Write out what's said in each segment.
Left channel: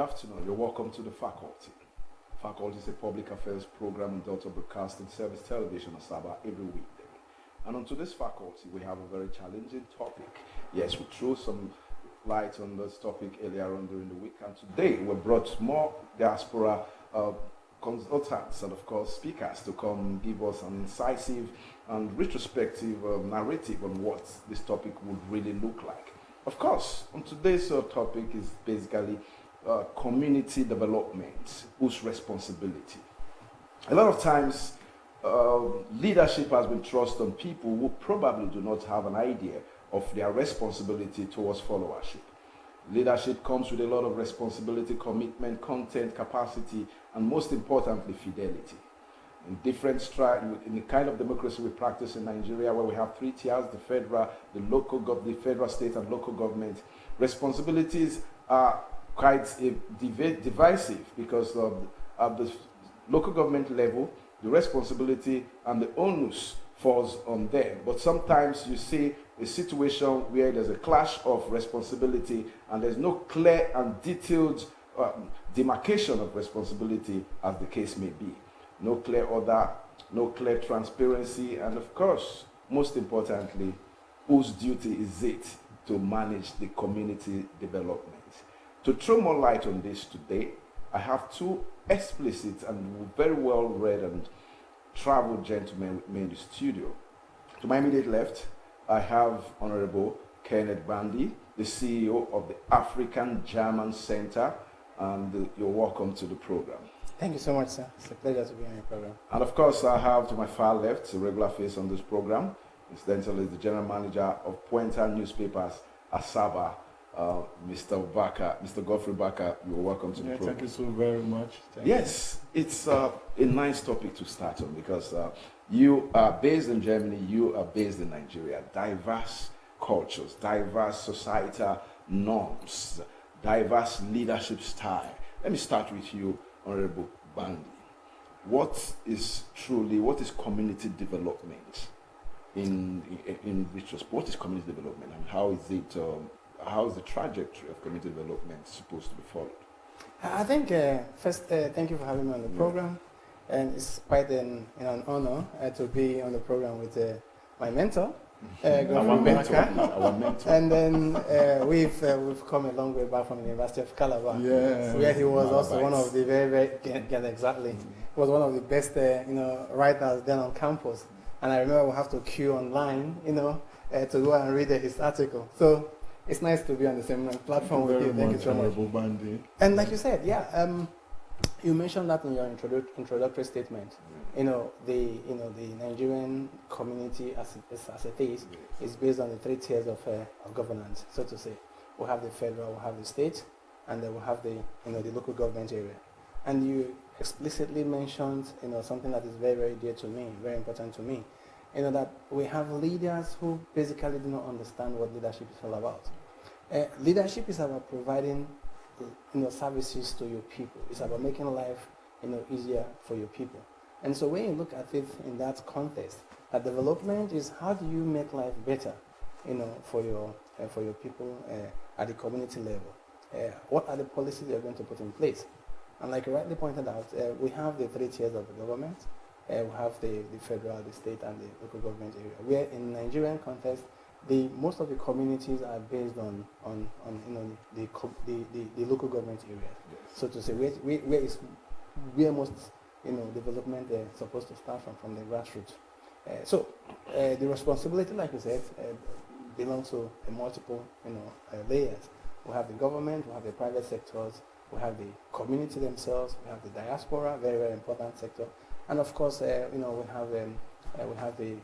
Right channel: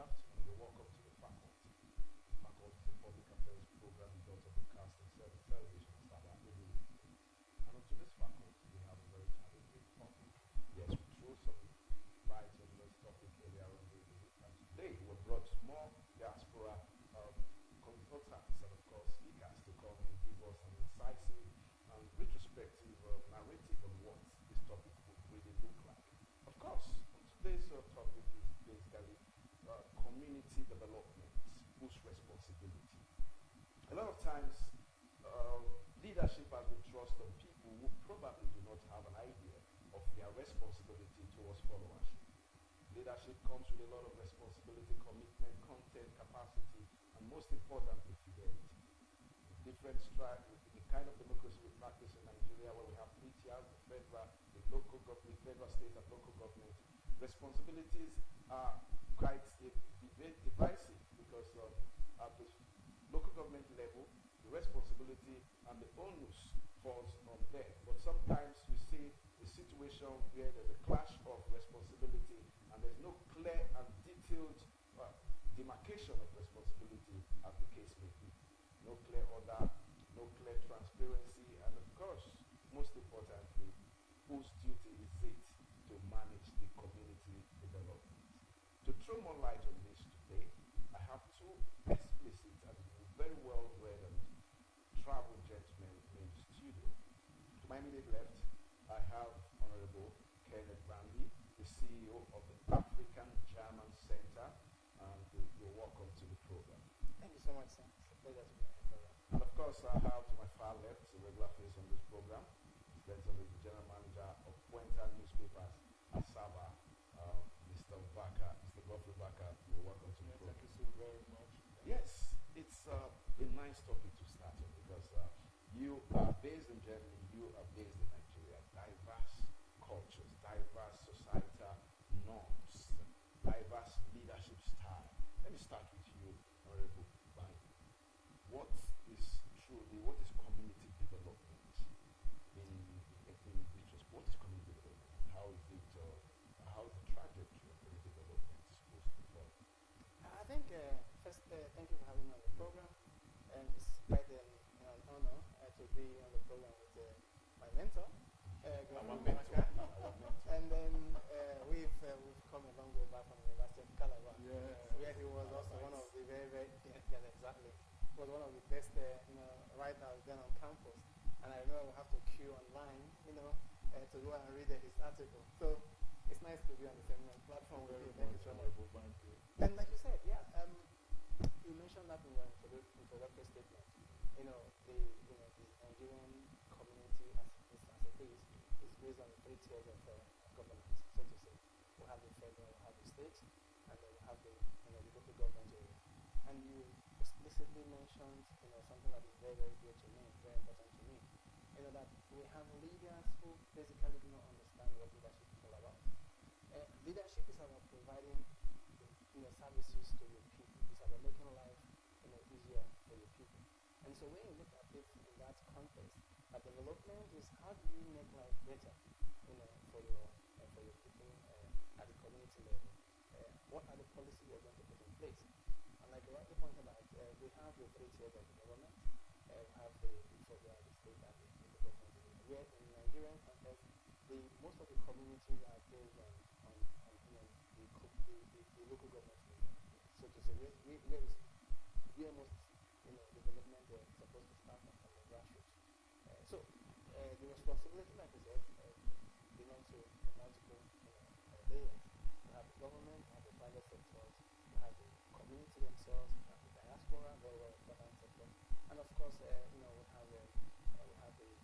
afternoon. You're welcome to the faculty. Faculty is a public affairs program in Delta Broadcasting Service Television Asaba every weekday. And on today's faculty, we have a very challenging topic. Yes, we threw some light on this topic earlier on during the week, and today we brought more diaspora consultants and, of course, speakers to come give us an incisive and retrospective narrative on what this topic would really look like. Of course, on today's topic is basically community development, whose responsibility. A lot of times, leadership has been thrust on people who probably do not have an idea of their responsibility towards followership. Leadership comes with a lot of responsibility, commitment, content, capacity, and most importantly, fidelity. In different in the kind of democracy we practice in Nigeria, where we have three tiers: the federal, the federal, state, and local government. Responsibilities are quite divisive because at the local government level, the responsibility and the onus falls on them. But sometimes you see a situation where there's a clash of responsibility and there's no clear and detailed demarcation of responsibility, as the case may be. No clear order, no clear transparency, and of course, most importantly, whose duty is it to manage the community development? To throw more light on this today, I have two explicit and very well read and traveled gentlemen with me in the studio. To my immediate left, I have Honorable Kenneth Bandy, the CEO of the African German Center, and you're welcome to the program. Thank you so much, sir. It's a pleasure to be on your program. And of course, I have to my far left, a regular face on this program. Incidentally, the general manager of Puente Newspapers, Asaba, Mr. Baka, Mr. Godfrey Baka. You're welcome to the program. Thank you so very much. Yes, it's a nice topic to start on because you are based in Germany, you are based in Nigeria. Diverse cultures, diverse societal norms, diverse leadership style. Let me start with you, Honorable Bandy. What is community development in retrospect? What is community development, and how is the trajectory of community development supposed to be followed? I think first, thank you for having me on the program, and it's quite an honor to be on the program with my mentor, our mentor. And then we've come a long way back from the University of Calabar, where he was also one of the was one of the best writers then on campus. And I remember we have to queue online, to go and read his article. So it's nice to be on the same platform with you. Thank you so much. And like you said, you mentioned that in your introductory statement. The Nigerian community as it is based on the three tiers of governance, so to say. We have the federal, we have the state, and then we have the the local government area. And you explicitly mentioned something that is very, very dear to me, very important to me. That we have leaders who basically do not understand what leadership is all about. Leadership is about providing services to your people. It's about making life easier for your people. And so when you look at it in that context, that development is how do you make life better, for your people at the community level. What are the policies you're going to put in place? And like you rightly pointed out, we have the three tiers of the government. We have the federal, the state, and the local government area. Where in Nigerian context, most of the communities are based on the local government area. Yes. So to say, where most development supposed to start from the grassroots. So the responsibility, like you said, belongs to multiple layers. We have the government, we have the private sectors, we have the community themselves, we have the diaspora, very, very important sector, and of course, we have the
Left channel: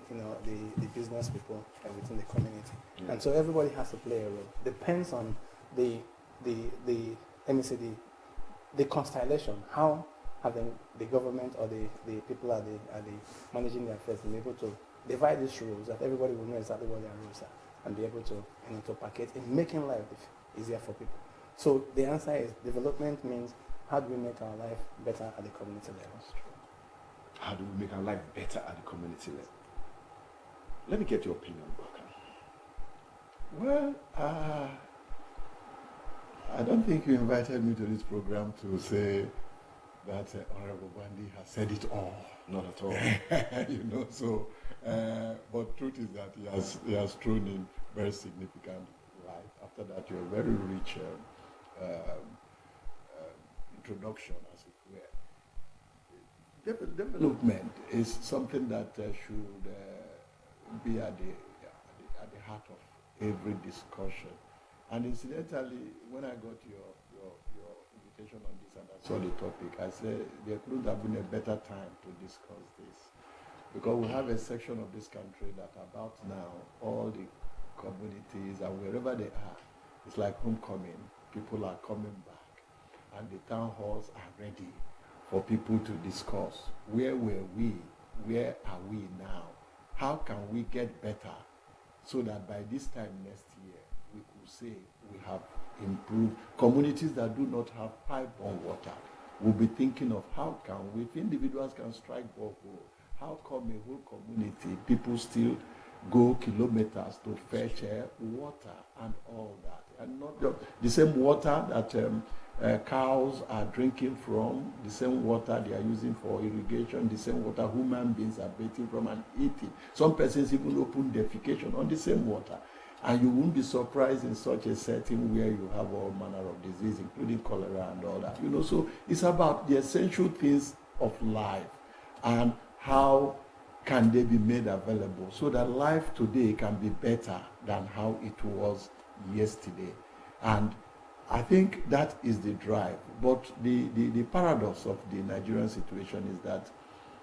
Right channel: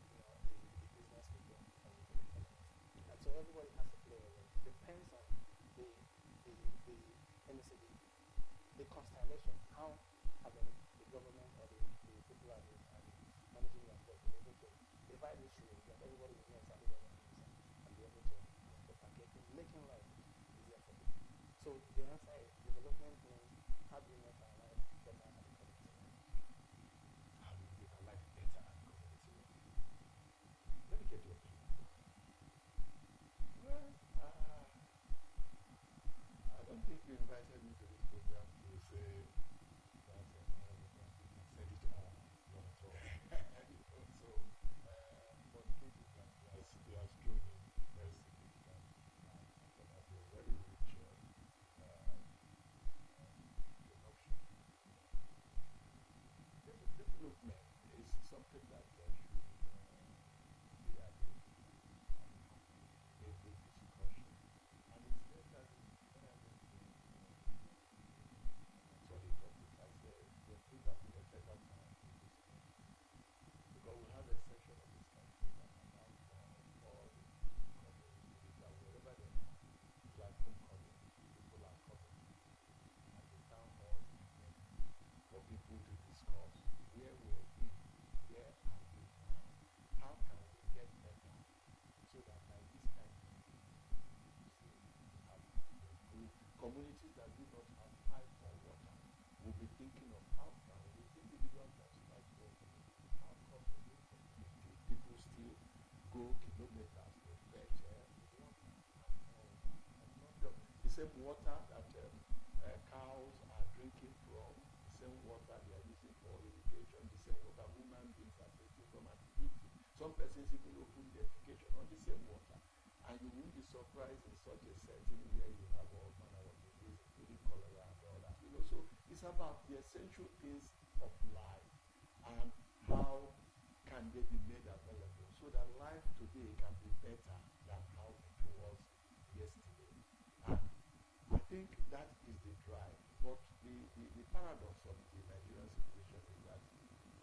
business people within the community. Yeah. And so everybody has to play a role. Depends on the constellation. How have the government or the people are managing their affairs been able to divide these roles that everybody will know exactly what their roles are and be able to to package in making life easier for people. So the answer is development means how do we make our life better at the community level? How do we make our life better at the community level? Let me get your opinion, Baka. Well, I don't think you invited me to this program to say that Honorable Gandhi has said it all. Not at all. But truth is that he has thrown in very significant light. After that, your very rich introduction, as it were. Development is something that should be at the heart of every discussion. And incidentally, when I got your invitation on this and I saw the topic, I said there couldn't have been a better time to discuss this. Because we have a section of this country that about now, all the communities and wherever they are, it's like homecoming. People are coming back and the town halls are ready for people to discuss. Where were we? Where are we now? How can we get better so that by this time next year, we could say we have improved. Communities that do not have pipe-borne water will be thinking of how can we, if individuals can strike borehole, how come a whole community, people still go kilometers to fetch water and all that, and not just the same water that cows are drinking from, the same water they are using for irrigation, the same water human beings are bathing from and eating. Some persons even open defecation on the same water. And you won't be surprised in such a setting where you have all manner of disease, including cholera and all that. So it's about the essential things of life and how can they be made available so that life today can be better than how it was yesterday. And I think that is the drive. But the paradox of the Nigerian situation is that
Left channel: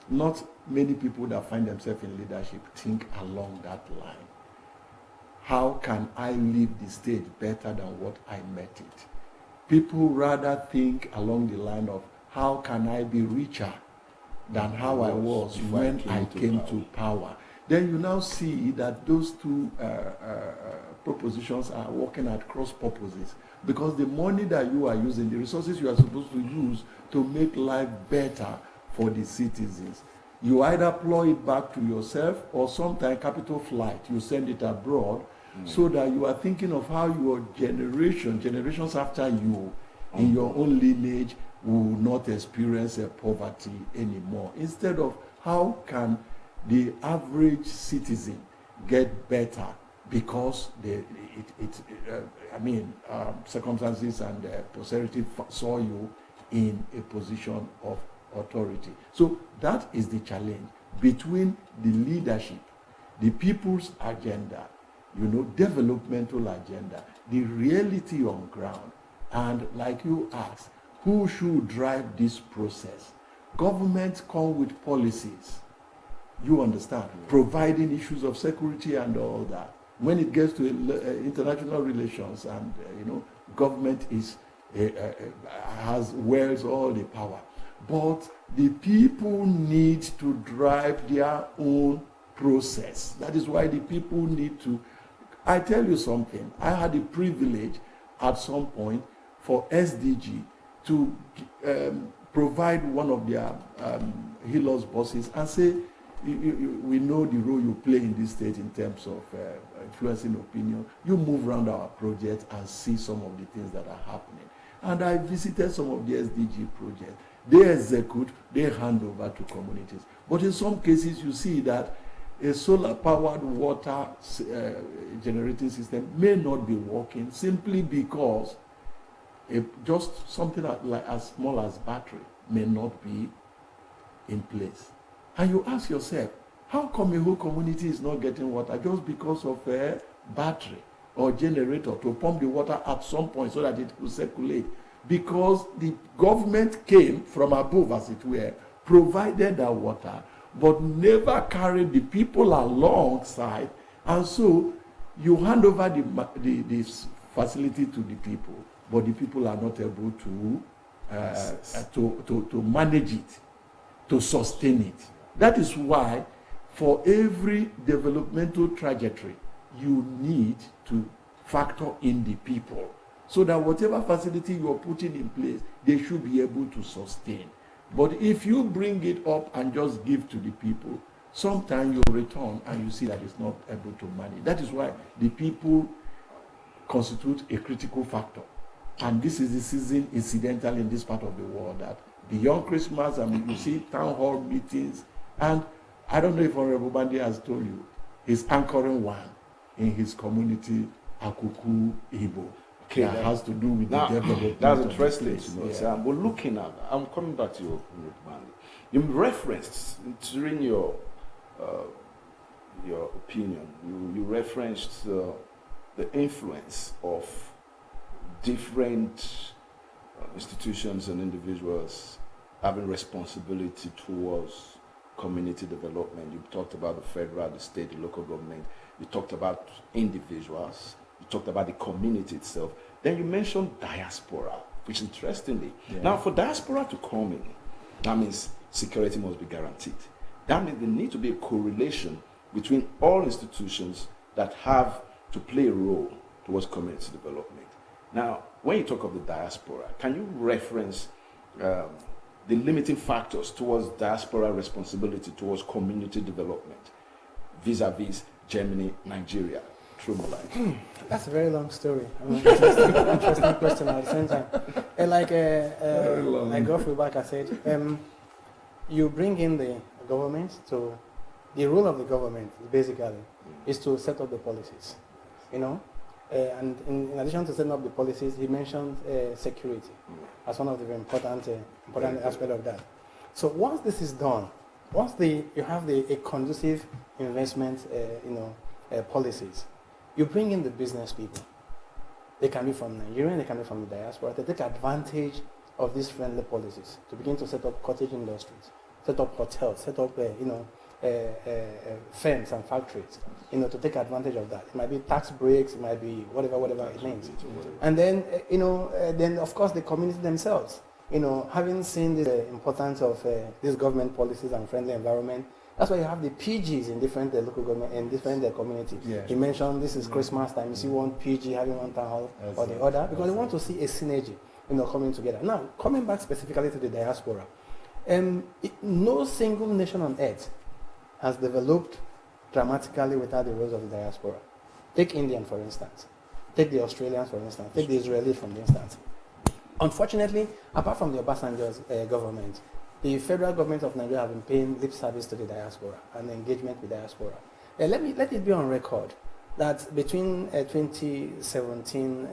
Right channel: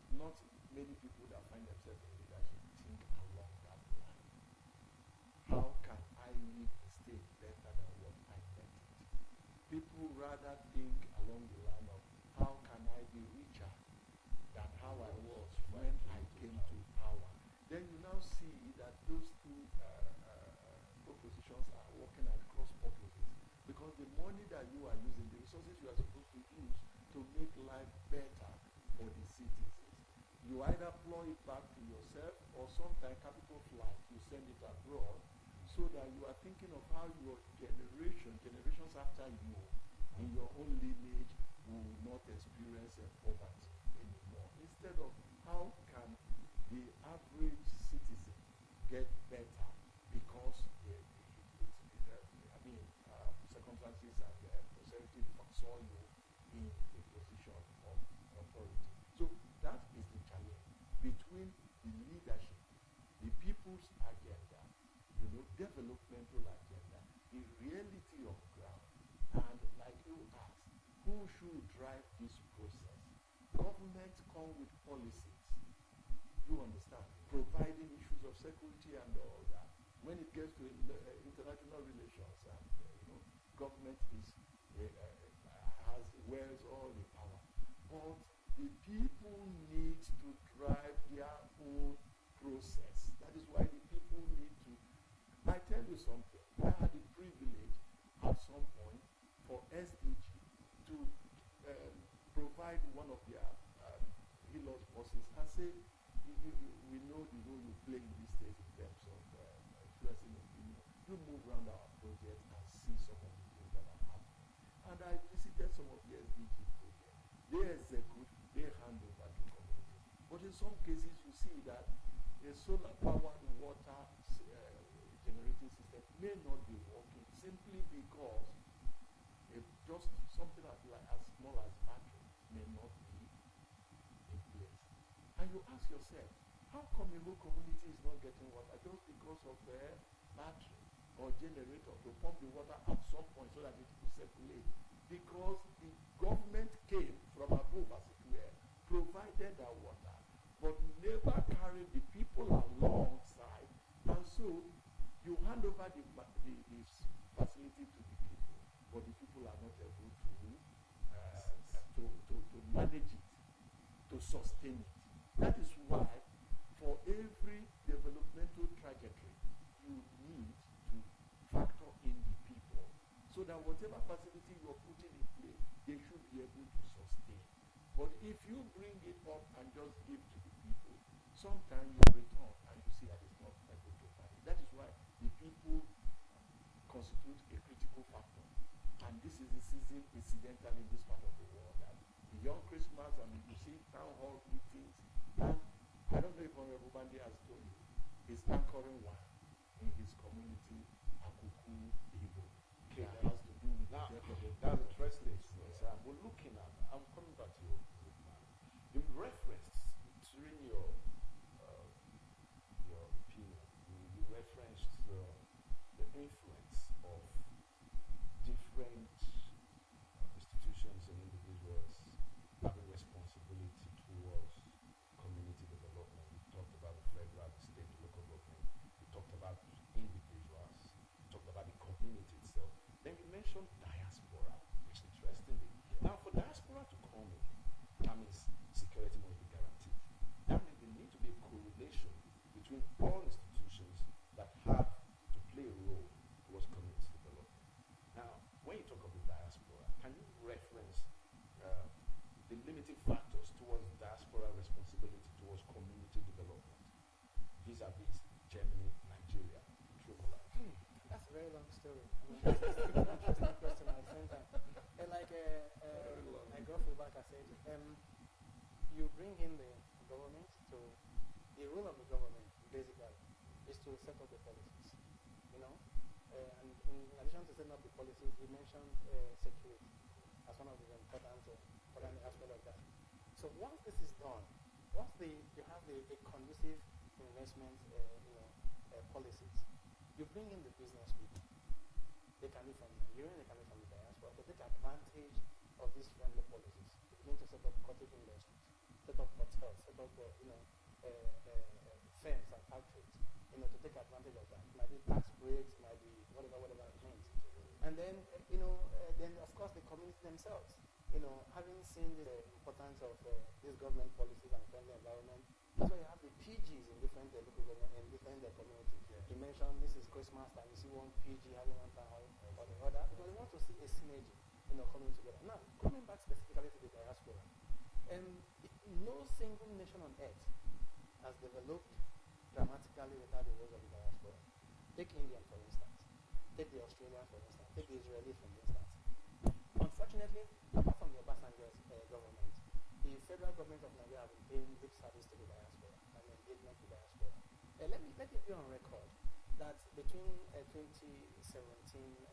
not many people that find themselves in leadership think along that line. How can I leave the state better than what I met it? People rather think along the line of how can I be richer than how I was when I came to power. Then you now see that those two propositions are working at cross purposes, because the money that you are using, the resources you are supposed to use to make life better for the citizens, you either plow it back to yourself or sometimes capital flight, you send it abroad, so that you are thinking of how your generations after you, in your own lineage, will not experience poverty anymore. Instead of how can the average citizen get better because circumstances and posterity saw you in a position of authority. So that is the challenge between the leadership, the people's agenda, developmental agenda, the reality on ground, and like you asked, who should drive this process? Governments come with policies, you understand, providing issues of security and all that. When it gets to international relations and, government wields all the power. But the people need to drive their own process. That is why the people need to. I tell you something. I had the privilege at some point for SDG to provide one of their Helos buses and say, we know the role you play in this state in terms of influencing opinion. You move around our project and see some of the things that are happening. And I visited some of the SDG projects. They execute, they hand over to communities. But in some cases, you see that a solar-powered water generating system may not be working simply because just something like as small as battery may not be in place. And you ask yourself, how come a whole community is not getting water just because of a battery or generator to pump the water at some point so that it will circulate? Because the government came from above, as it were, provided that water, but never carried the people alongside. And so you hand over the facility to the people, but the people are not able to manage it, to sustain it. That is why for every developmental trajectory, you need to factor in the people so that whatever facility you are putting in place, they should be able to sustain. But if you bring it up and just give to the people, sometimes you return and you see that it's not able to manage. That is why the people constitute a critical factor And this is the season, incidental in this part of the world, that beyond Christmas, I mean, you see town hall meetings. And I don't know if Honorable Bandi has told you, he's anchoring one in his community, Akuku Igbo. Okay, that has to do with now, the development. That's interesting to know. Yeah. So we're looking at, I'm coming back to your Bandi. You referenced during your opinion, you referenced the influence of different institutions and individuals having responsibility towards community development. You talked about the federal, the state, the local government. You talked about individuals. You talked about the community itself. Then you mentioned diaspora, which interestingly, now for diaspora to come in, that means security must be guaranteed. That means there needs to be a correlation between all institutions that have to play a role towards community development. Now, when you talk of the diaspora, can you reference the limiting factors towards diaspora responsibility towards community development vis-a-vis Germany, Nigeria, through Malai? That's a very long story. I mean, interesting question at the same time. Like Godfrey Baker said, you bring in the government to, the role of the government basically is to set up the policies, you know. And in addition to setting up the policies, he mentioned security as one of the important aspects of that. So once this is done, once you have a conducive investment, policies, you bring in the business people. They can be from Nigeria, they can be from the diaspora. They take advantage of these friendly policies to begin to set up cottage industries, set up hotels, set up firms and factories, to take advantage of that. It might be tax breaks, it might be whatever it means. And then, then of course the community themselves, having seen the importance of these government policies and friendly environment, that's why you have the PGs in different local government and different communities. Yeah. He mentioned this is Christmas time. You see one PG having one town hall or the other because they want to see a synergy, coming together. Now, coming back specifically to the diaspora, no single nation on earth has developed dramatically without the roles of the diaspora. Take Indian, for instance. Take the Australians, for instance. Take the Israelis, for instance. Unfortunately, apart from the Obasanjo's government, the federal government of Nigeria have been paying lip service to the diaspora and engagement with diaspora. Let it be on record that between 2017,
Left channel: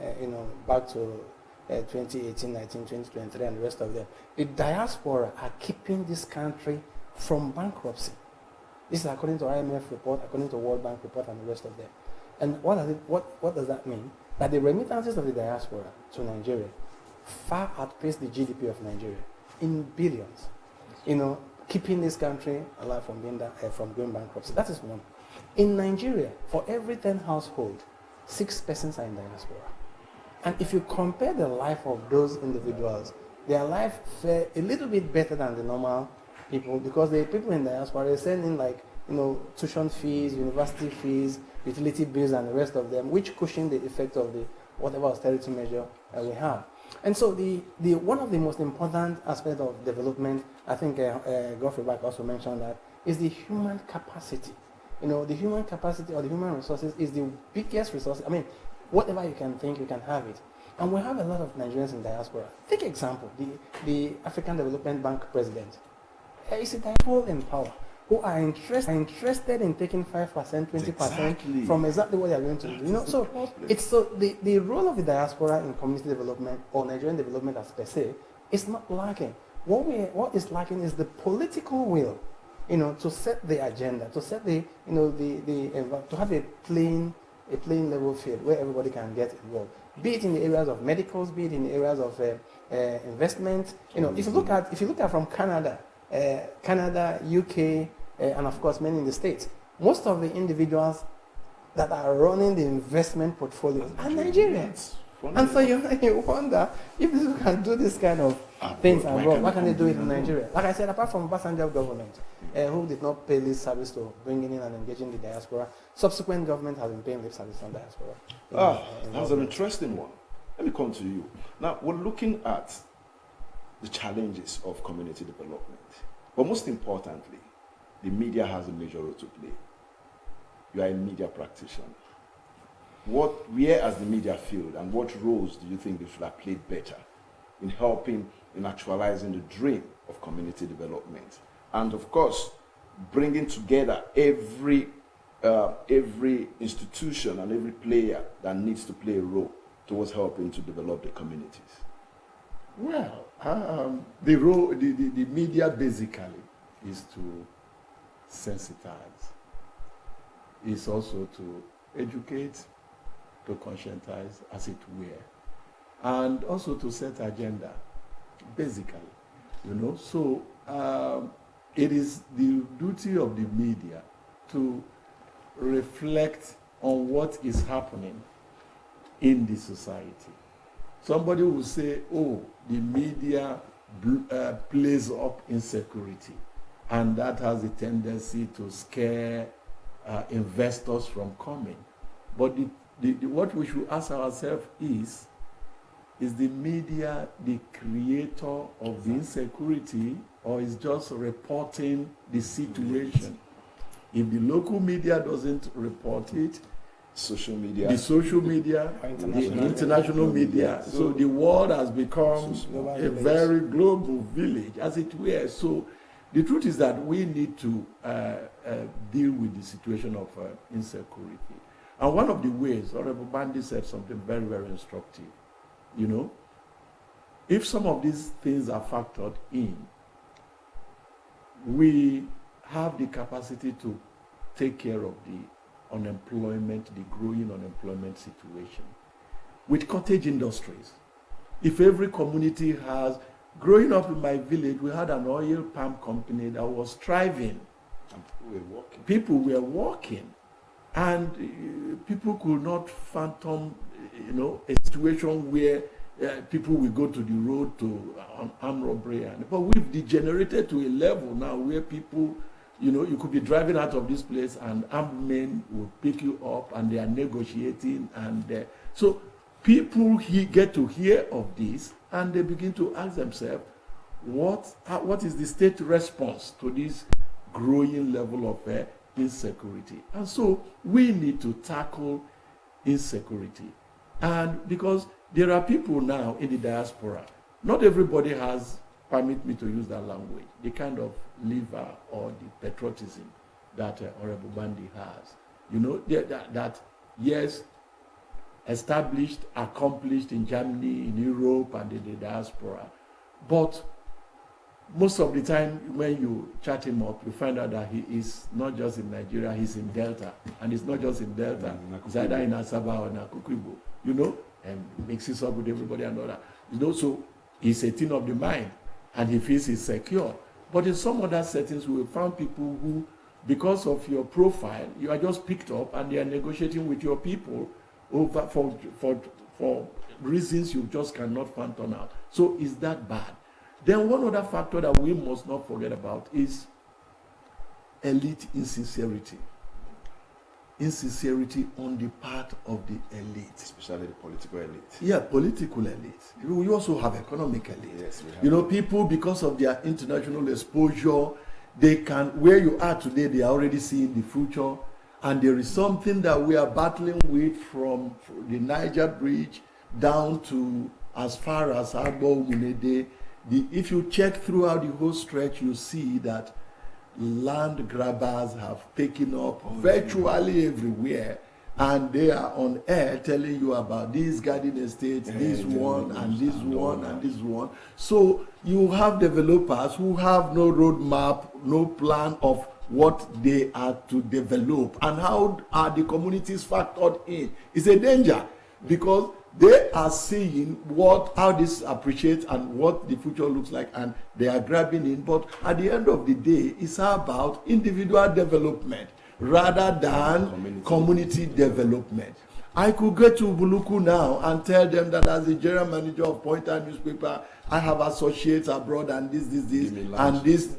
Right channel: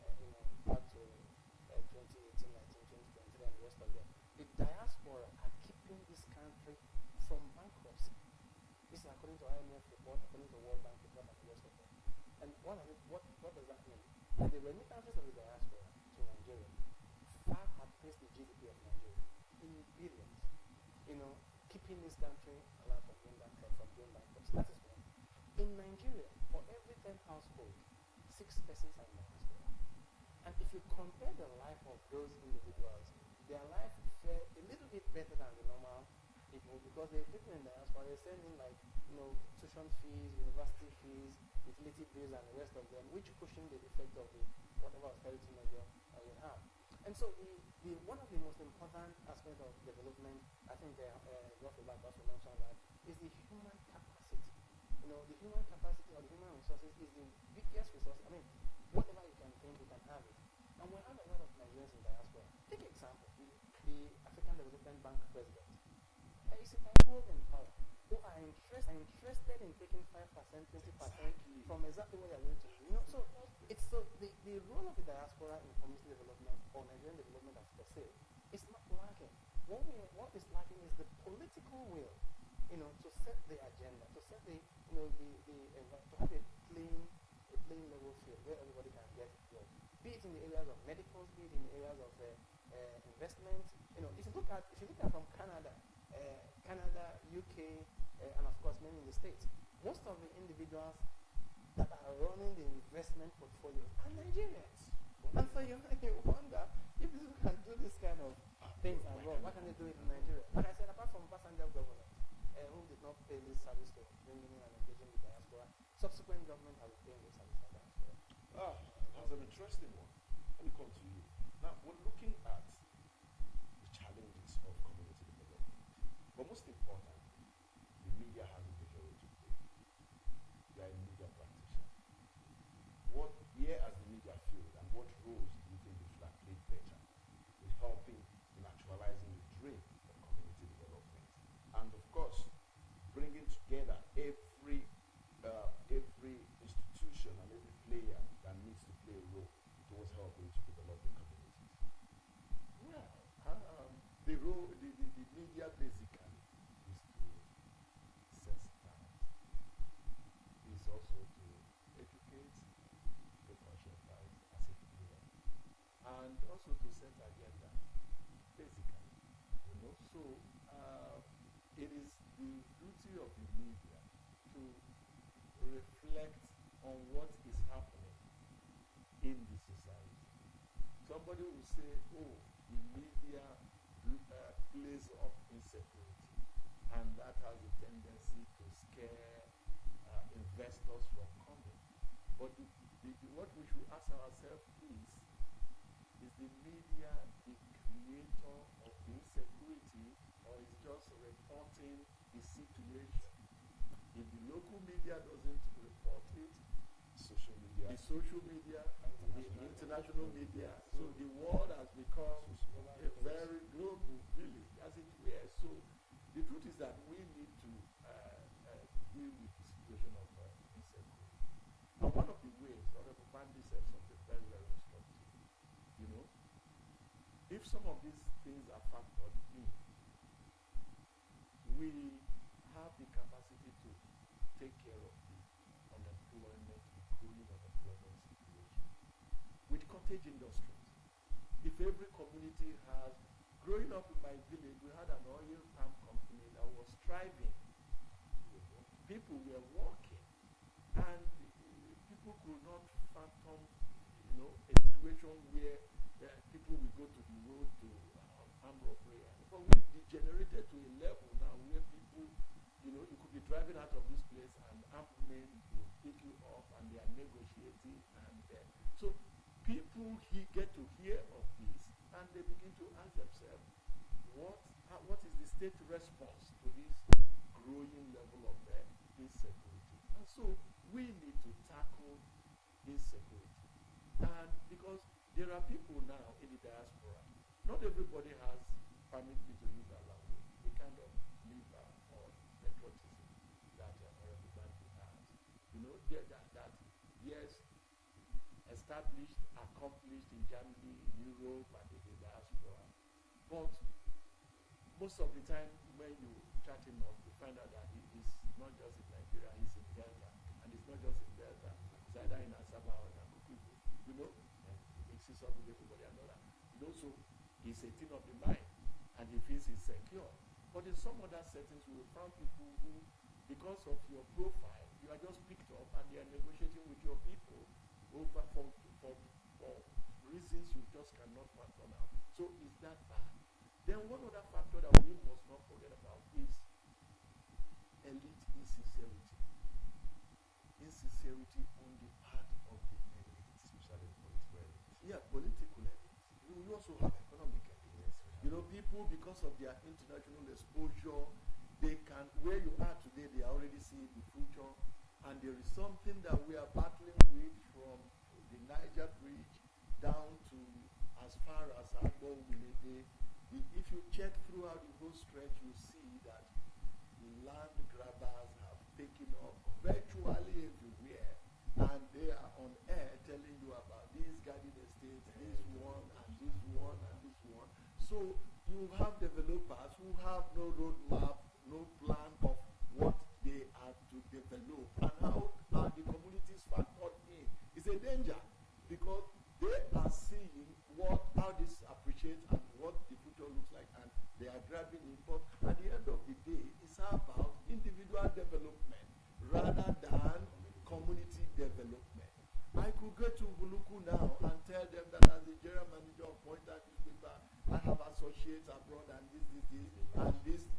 back to 2018, 19, 2023, and the rest of them, the diaspora are keeping this country from bankruptcy. This is according to IMF report, according to World Bank report, and the rest of them. And what does that mean? That the remittances of the diaspora to Nigeria far outpace the GDP of Nigeria in billions. Keeping this country alive from going bankruptcy. That is one. In Nigeria, for every 10 households, 6 persons are in diaspora. And if you compare the life of those individuals, their life fare a little bit better than the normal people because the people in diaspora, they send in tuition fees, university fees, utility bills, and the rest of them, which cushion the effect of the whatever austerity measure we have. And so the one of the most important aspects of development, I think Godfrey Back also mentioned that, is the human capacity. The human capacity or the human resources is the biggest resource. I mean, whatever you can think, you can have it. And we have a lot of Nigerians in diaspora. Take example, the African Development Bank president. He's a people in power who are interested in taking 5%, 20% from exactly what they are going to do. So the role of the diaspora in community development or Nigerian development as per se is not lacking. What is lacking is the political will, to set the agenda, to set to have a plain level field where everybody can get involved. Be it in the areas of medicals, be it in the areas of investment. If you look at from Canada, UK, and of course many in the States, most of the individuals that are running the investment portfolios are Nigerians. And so you wonder if people can do this kind of things abroad, why can't they do it in Nigeria? Like I said, apart from Obasanjo government, who did not pay lip service to bringing in and engaging the diaspora, subsequent government have been paying lip service on diaspora. That's an interesting one. Let me come to you. Now, we're looking at the challenges of community development. But most importantly, the media has a major role to play. You are a media practitioner. where has the media failed, and what roles do you think they should have played better in helping in actualizing the dream of community development, and of course bringing together every institution and every player that needs to play a role towards helping to develop the communities? Well, the media basically is to sensitize. It's also to educate, to conscientize, as it were, and also to set agenda, basically, So it is the duty of the media to reflect on what is happening in the society. Somebody will say, oh, the media plays up insecurity, and that has a tendency to scare investors from coming. But what we should ask ourselves is the media the creator of the insecurity, or is just reporting the situation? If the local media doesn't report it, the social media, the international media. So the world has become a very global village, as it were. So the truth is that we need to deal with the situation of insecurity. And one of the ways, Honorable Bandi said something very, very instructive. If some of these things are factored in, we have the capacity to take care of the unemployment, the growing unemployment situation. With cottage industries, if every community has, growing up in my village, we had an oil palm company that was thriving. People were working, and people could not fathom, a situation where people will go to the road to armed robbery. But we've degenerated to a level now where people, you could be driving out of this place and armed men will pick you up and they are negotiating. And so people get to hear of this and they begin to ask themselves, what is the state response to this growing level of insecurity? And so we need to tackle insecurity. And because there are people now in the diaspora, not everybody has, permit me to use that language, the kind of liver or the patriotism that Honorable Bandi has. That yes, established, accomplished in Germany, in Europe, and in the diaspora. But most of the time when you chat him up, you find out that he is not just in Nigeria, he's in Delta. And it's not just in Delta, it's either in Asaba or in Akukibo, and mixes up with everybody and all that. So he's a thing of the mind, and he feels he's secure. But in some other settings, we found people who, because of your profile, you are just picked up and they are negotiating with your people over for reasons you just cannot fathom out. So is that bad? Then one other factor that we must not forget about is elite insincerity. Insincerity on the part of the elite. Especially the political elite. Yeah, political elite. We also have economic elite. Yes, we have. People, because of their international exposure, they can, where you are today, they are already seeing the future. And there is something that we are battling with from the Niger Bridge down to as far as Agbo Munede. If you check throughout the whole stretch, you see that land grabbers have taken up virtually everywhere, and they are on air telling you about these garden estates, this one and this one and this one. So you have developers who have no roadmap, no plan of what they are to develop, and how are the communities factored in. It's a danger, because they are seeing how this appreciates and what the future looks like, and they are grabbing in. But at the end of the day, it's about individual development rather than community development. I could go to Buluku now and tell them that as the general manager of Pointer newspaper, I have associates abroad and this, and this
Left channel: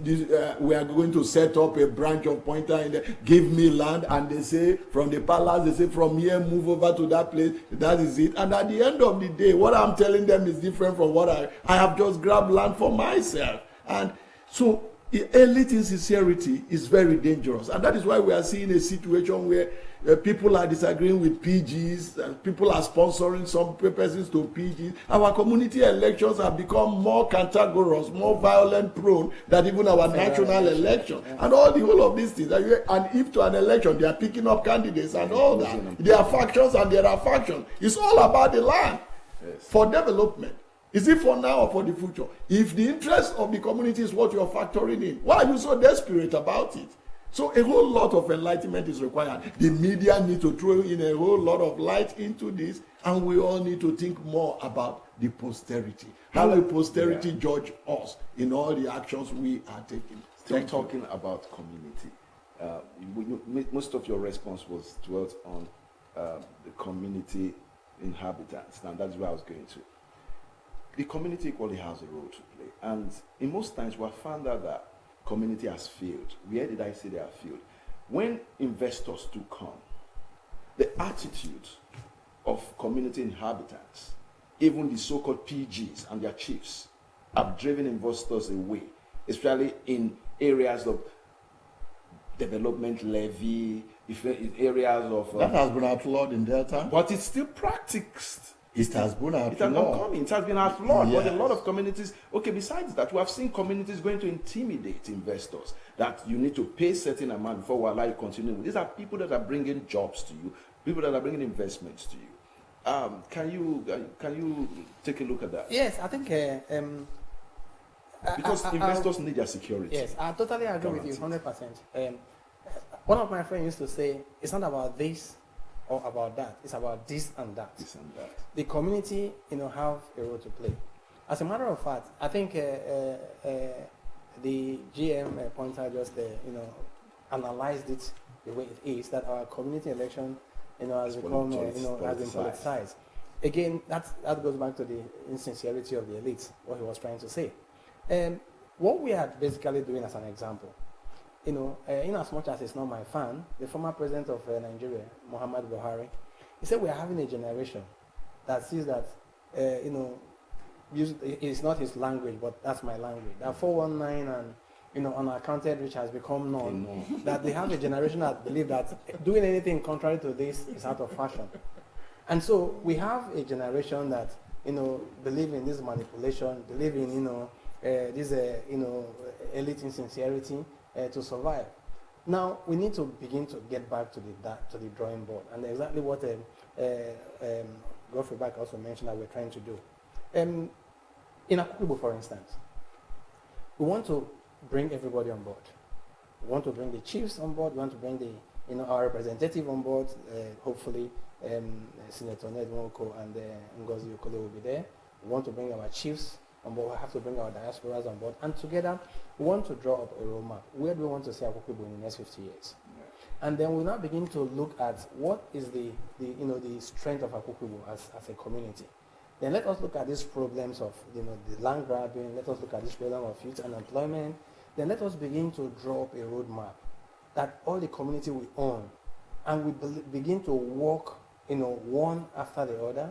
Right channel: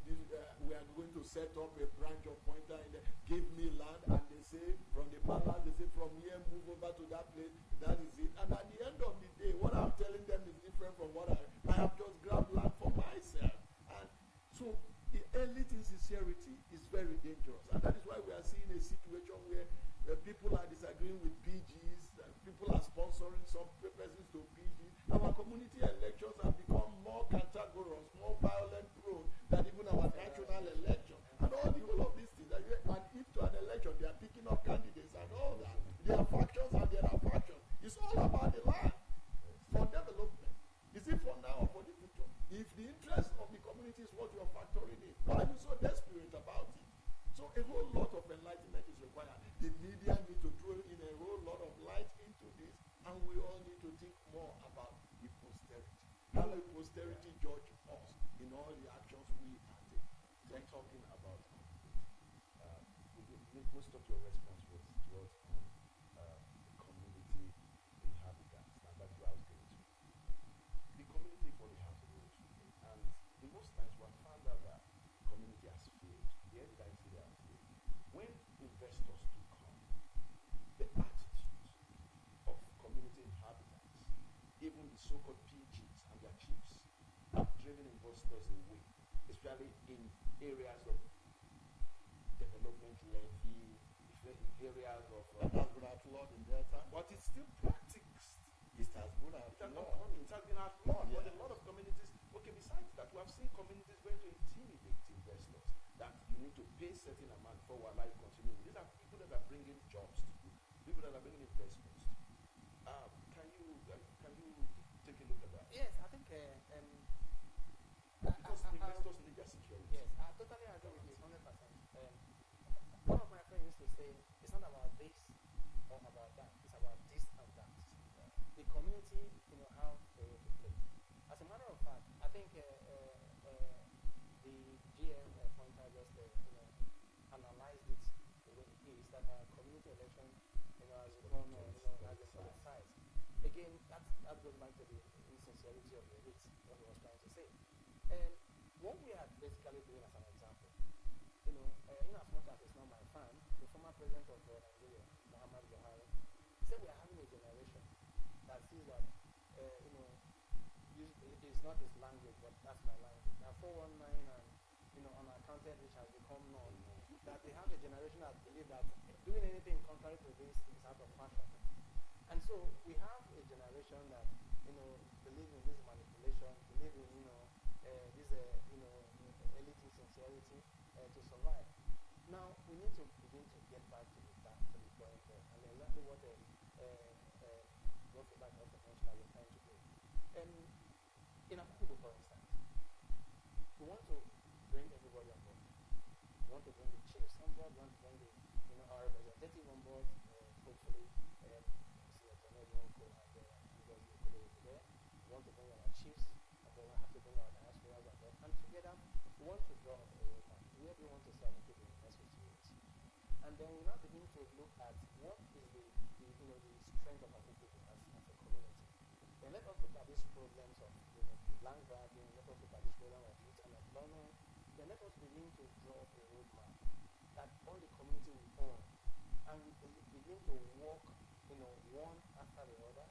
we are going to set up a branch of Pointer in there. Give me land, and they say from the palace, they say from here move over to that place. That is it. And at the end of the day, what I'm telling them is different from what I have just grabbed land for myself. And so elite insincerity is very dangerous, and that is why we are seeing a situation where people are disagreeing with PGs, and people are sponsoring some persons to PGs. Our community elections have become more cantankerous, more violent prone than even our national election. And all the whole of these things. And if to an election they are picking up candidates and all that, there are factions and there are factions. It's all about the land for development. Is it for now or for the future? If the interest of the community is what you're factoring in, why are you so desperate about it? So a whole lot of enlightenment is required. The media need to throw in a whole lot of light into this, and we all need to think more about the posterity. How will posterity judge us in all the actions we are taking? Still talking about community. Most of your response was dwelt on the community inhabitants. Now that's where I was going to. The community equally has a role to play. And in most times we have found out that community has failed. Where did I say they have failed? When investors do come, the attitude of community inhabitants, even the so-called PGs and their chiefs, have driven investors away, especially in areas of development levy, in areas of... that has been outlawed in Delta. But it's still practiced. It has been outlawed. It has not come in. It has been outlawed. Yes. But a lot of communities, besides that, we have seen communities going to intimidate investors that you need to pay a certain amount before we allow you to continue. These are people that are bringing jobs to you, people that are bringing investments to you. Can you take a look at that? Yes, I think... because investors need their security. Yes, I totally agree with you, 100%. One of my friends used to say, it's not about this or about that. It's about this and that. This and that. The community, have a role to play. As a matter of fact, I think the GM pointer just, analyzed it the way it is, that our community election, has become, has been politicized. Again, that goes back to the insincerity of the elites, what he was trying to say. What we are basically doing as an example, in as much as it's not my fan, the former president of Nigeria, Muhammad Buhari, he said we are having a generation that sees that, it's not his language, but that's my language. That 419 and, unaccounted which has become known, that they have a generation that believe that doing anything contrary to this is out of fashion. And so we have a generation that, believe in this manipulation, believe in, this, elite insincerity, to survive. Now we need to begin to get back to the drawing board, and exactly what Godfrey Back also mentioned that we're trying to do. In Akoko Igbo, for instance, we want to bring everybody on board. We want to bring the chiefs on board. We want to bring the our representative on board. Hopefully, Senator Ned Nwoko and Ngozi Okole will be there. We want to bring our chiefs on board. We have to bring our diasporas on board, and together we want to draw up a roadmap. Where do we want to see Akoko Igbo in the next 50 years? Yeah. And then we now begin to look at what is the strength of Akoko Igbo as a community. Then let us look at these problems of the land grabbing. Let us look at this problem of youth unemployment. Then let us begin to draw up a roadmap that all the community will own, and we begin to work one after the other,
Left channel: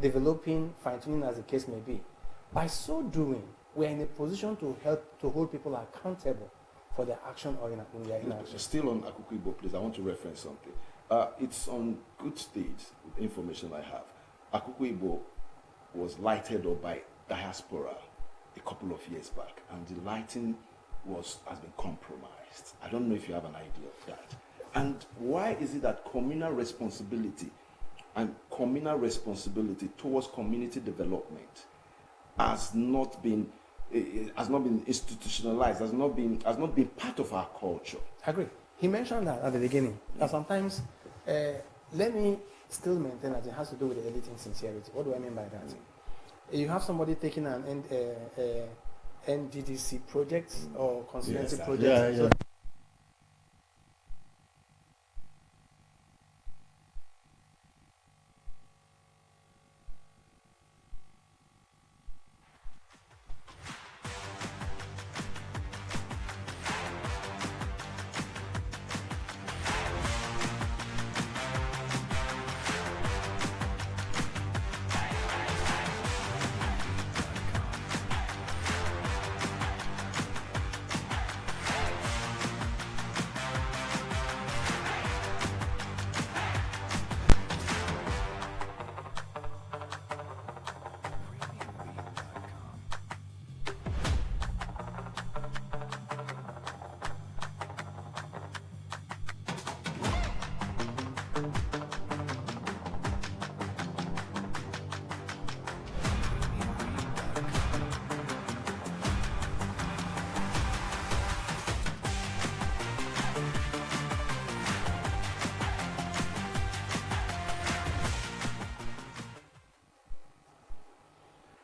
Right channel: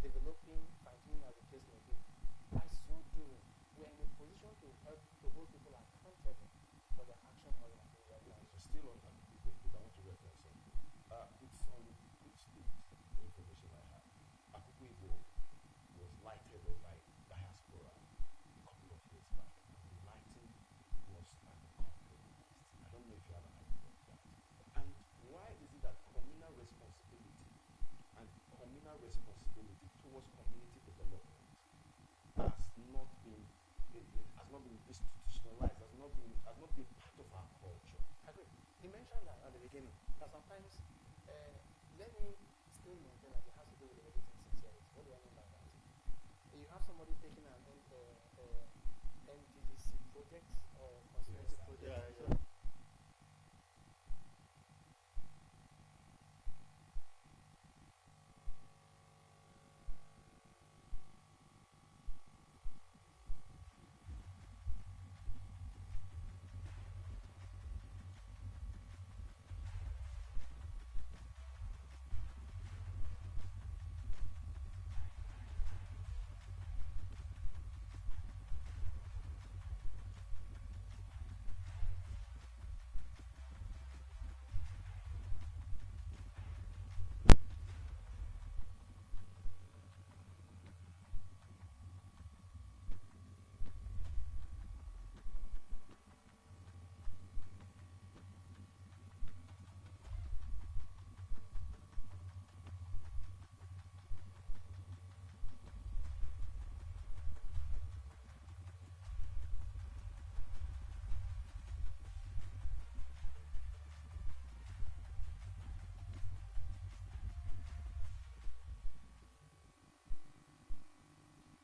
developing, fine-tuning as the case may be. By so doing, we are in a position to help to hold people accountable for their action or in their inaction. Still on Akoko Igbo, please, I want to reference something. It's on good state, the information I have. Akoko Igbo was lighted up by diaspora a couple of years back, and the lighting has been compromised. I don't know if you have an idea of that. And why is it that communal responsibility towards community development has not been institutionalized, has not been part of our culture? I agree. He mentioned that at the beginning. That sometimes, let me still maintain that it has to do with the elite insincerity. What do I mean by that? You have somebody taking an NDDC project or constituency project. So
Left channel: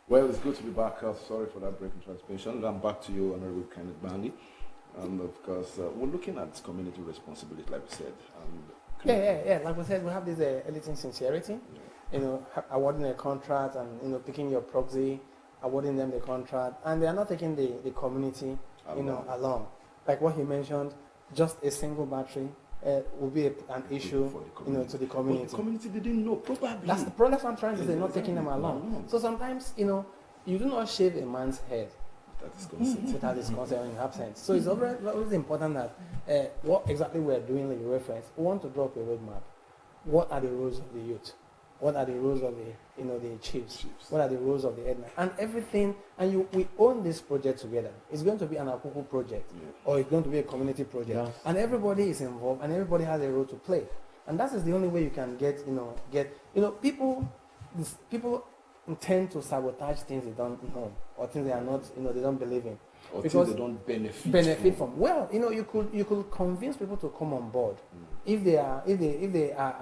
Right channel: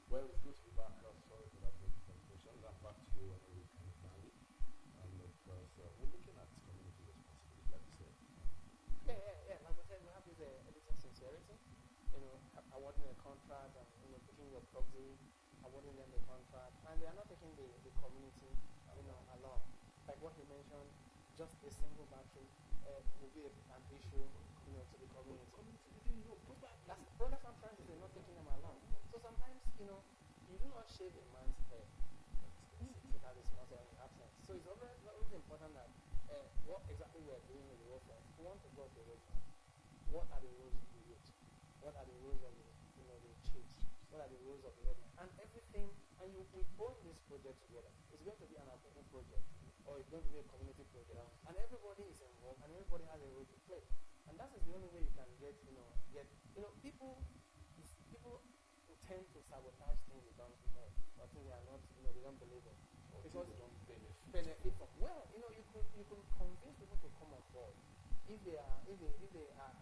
Well, it's good to be back. Sorry for that break in transmission. I'm back to you, Honorable Kenneth Bandy. And of course, we're looking at community responsibility, like we said. Yeah. Like we said, we have this elite sincerity. You know, awarding a contract and, you know, picking your proxy, awarding them the contract, and they are not taking the community, along. Like what he mentioned, just a single battery will be an issue, to the community. But the community didn't know, probably. That's the problem I'm trying to say, not taking them along. So sometimes, you do not shave a man's head without his consent in absence. So it's always important that what exactly we're doing, like you reference, we want to drop a roadmap. What are the roles of the youth? What are the roles of the chiefs? What are the roles of the headmen? And everything, and we own this project together. It's going to be an Akuku project, or it's going to be a community project. Yes. And everybody is involved, and everybody has a role to play. And that is the only way you can get people tend to sabotage things they don't know, or things they are not, they don't believe in. Or because things they don't benefit from. Well, you could convince people to come on board. If they are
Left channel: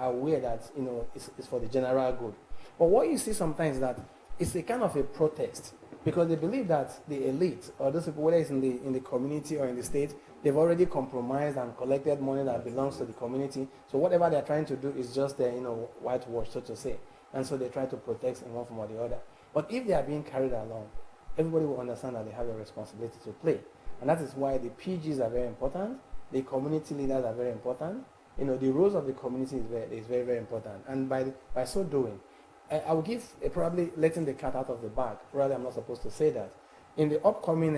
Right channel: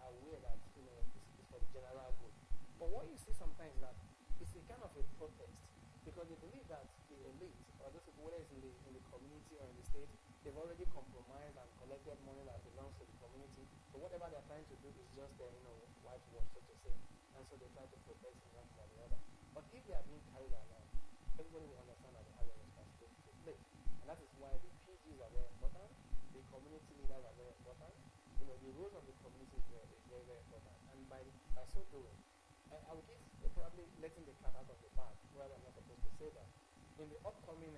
aware that it's for the general good. But what you see sometimes is that it's a kind of a protest, because they believe that the elite, or those people, whether it's in the community or in the state, they've already compromised and collected money that belongs to the community. So whatever they're trying to do is just whitewash, so to say. And so they try to protect in one form or the other. But if they are being carried along, everybody will understand that they have a responsibility to play. And that is why the PGs are very important. The community leaders are very important. The roles of the community is very, very important. And by so doing, I will give probably letting the cat out of the bag. Rather, I'm not supposed to say that. In the upcoming,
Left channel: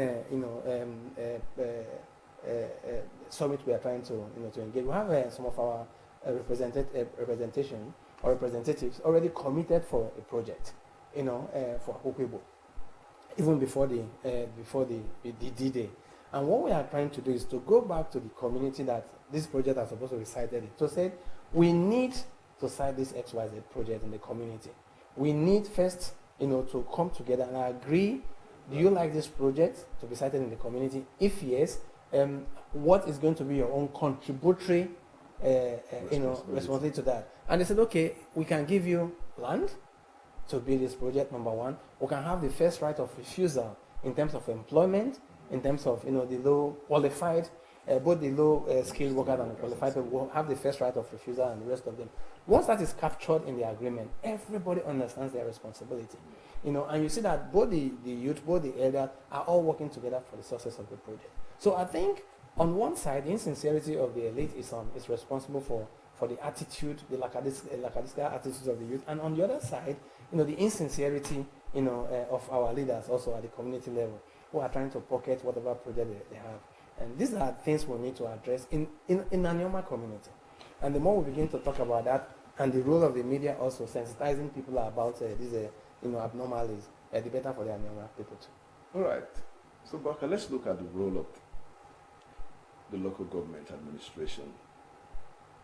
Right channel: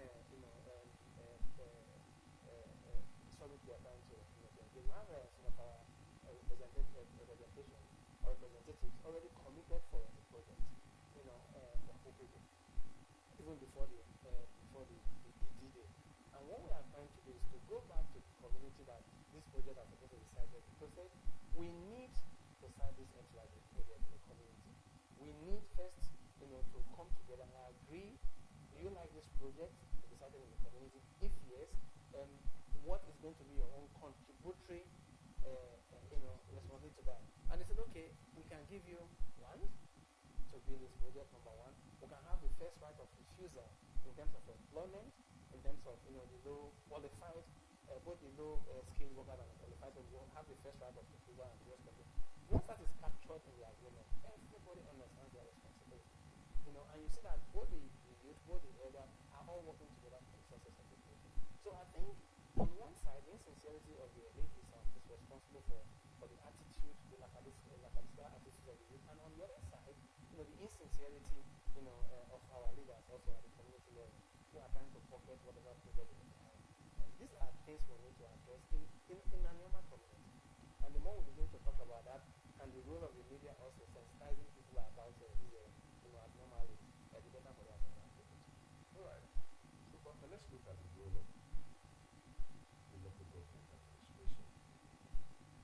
summit we are trying to engage, we have some of our representation or representatives already committed for a project, for Akoko, even before the D-Day. And what we are trying to do is to go back to the community that this project are supposed to be cited in. To say, we need to cite this XYZ project in the community. We need first, to come together and agree, do you like this project to be cited in the community? If yes, what is going to be your own contributory responsibility to that? And they said, okay, we can give you land to build this project, number one. We can have the first right of refusal in terms of employment, in terms of the low qualified, both the low skilled workers and the qualified people will have the first right of refusal, and the rest of them. Once that is captured in the agreement, everybody understands their responsibility. And you see that both the youth, both the elders are all working together for the success of the project. So I think on one side, the insincerity of the elite is responsible for the attitude, the lackadaisical attitudes of the youth, and on the other side, the insincerity, of our leaders also at the community level, who are trying to pocket whatever project they have. And these are things we need to address in Anioma community. And the more we begin to talk about that, and the role of the media also sensitizing people about these abnormalities, the better for the Anioma people too. All right. So, Baka, let's look at the role of the local government administration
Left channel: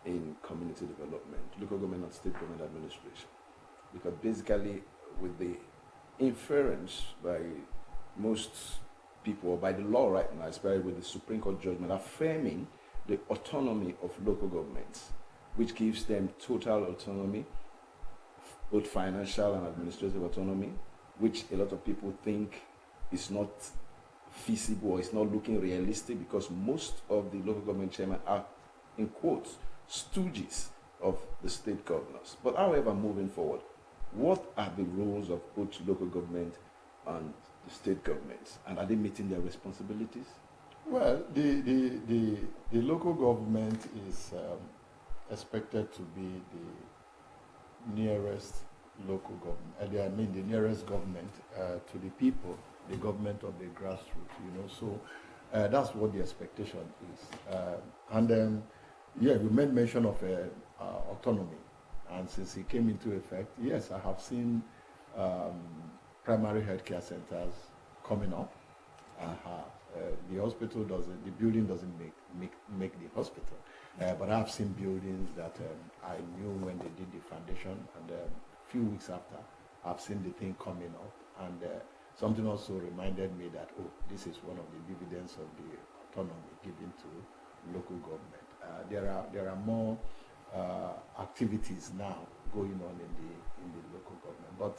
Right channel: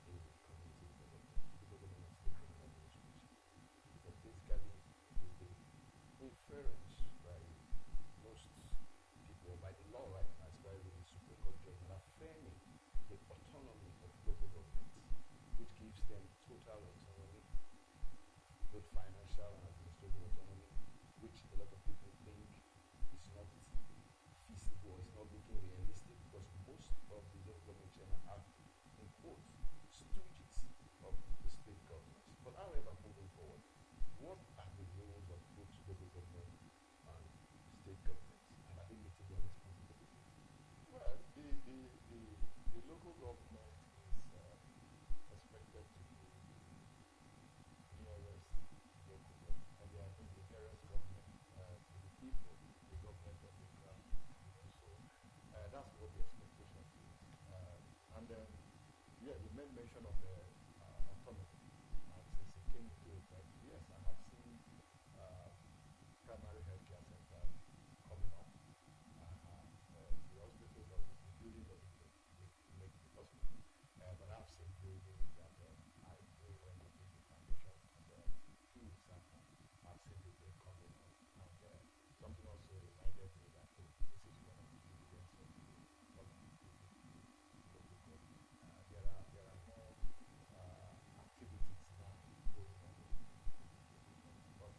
in community development, local government and state government administration. Because basically, with the inference by most people, or by the law right now, especially with the Supreme Court judgment affirming the autonomy of local governments, which gives them total autonomy, both financial and administrative autonomy, which a lot of people think is not feasible or is not looking realistic, because most of the local government chairmen are, in quotes, stooges of the state governors. But however, moving forward, what are the roles of both local government and the state governments, and are they meeting their responsibilities? Well, the local government is expected to be the nearest local government. The nearest government to the people, the government of the grassroots. So that's what the expectation is. You made mention of autonomy, and since it came into effect, yes, I have seen primary healthcare centers coming up. The hospital the building doesn't make the hospital, but I've seen buildings that I knew when they did the foundation, and a few weeks after, I've seen the thing coming up, and something also reminded me that, this is one of the dividends of the autonomy given to local government. There are more activities now going on in the local government, but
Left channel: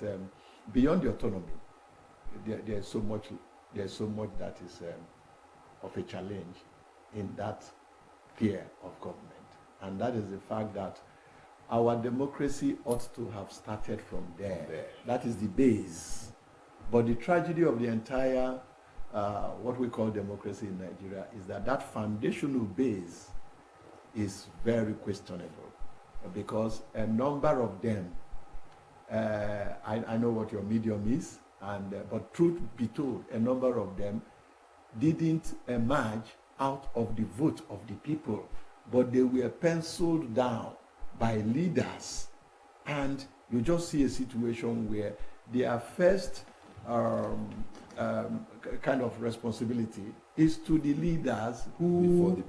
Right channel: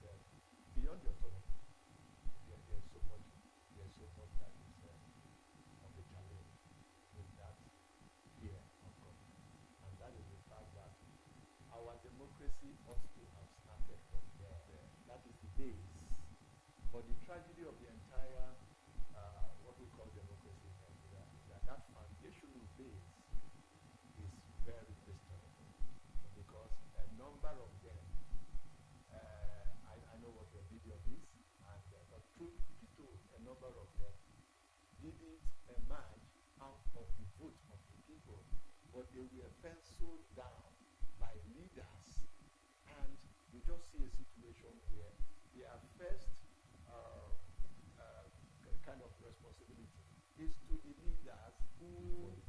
beyond the autonomy, there's so much that is of a challenge in that tier of government, and that is the fact that our democracy ought to have started from there. That is the base. But the tragedy of the entire what we call democracy in Nigeria is that that foundational base is very questionable, because a number of them, I know what your medium is, and but truth be told, a number of them didn't emerge out of the vote of the people, but they were penciled down by leaders, and you just see a situation where their first kind of responsibility is to the leaders who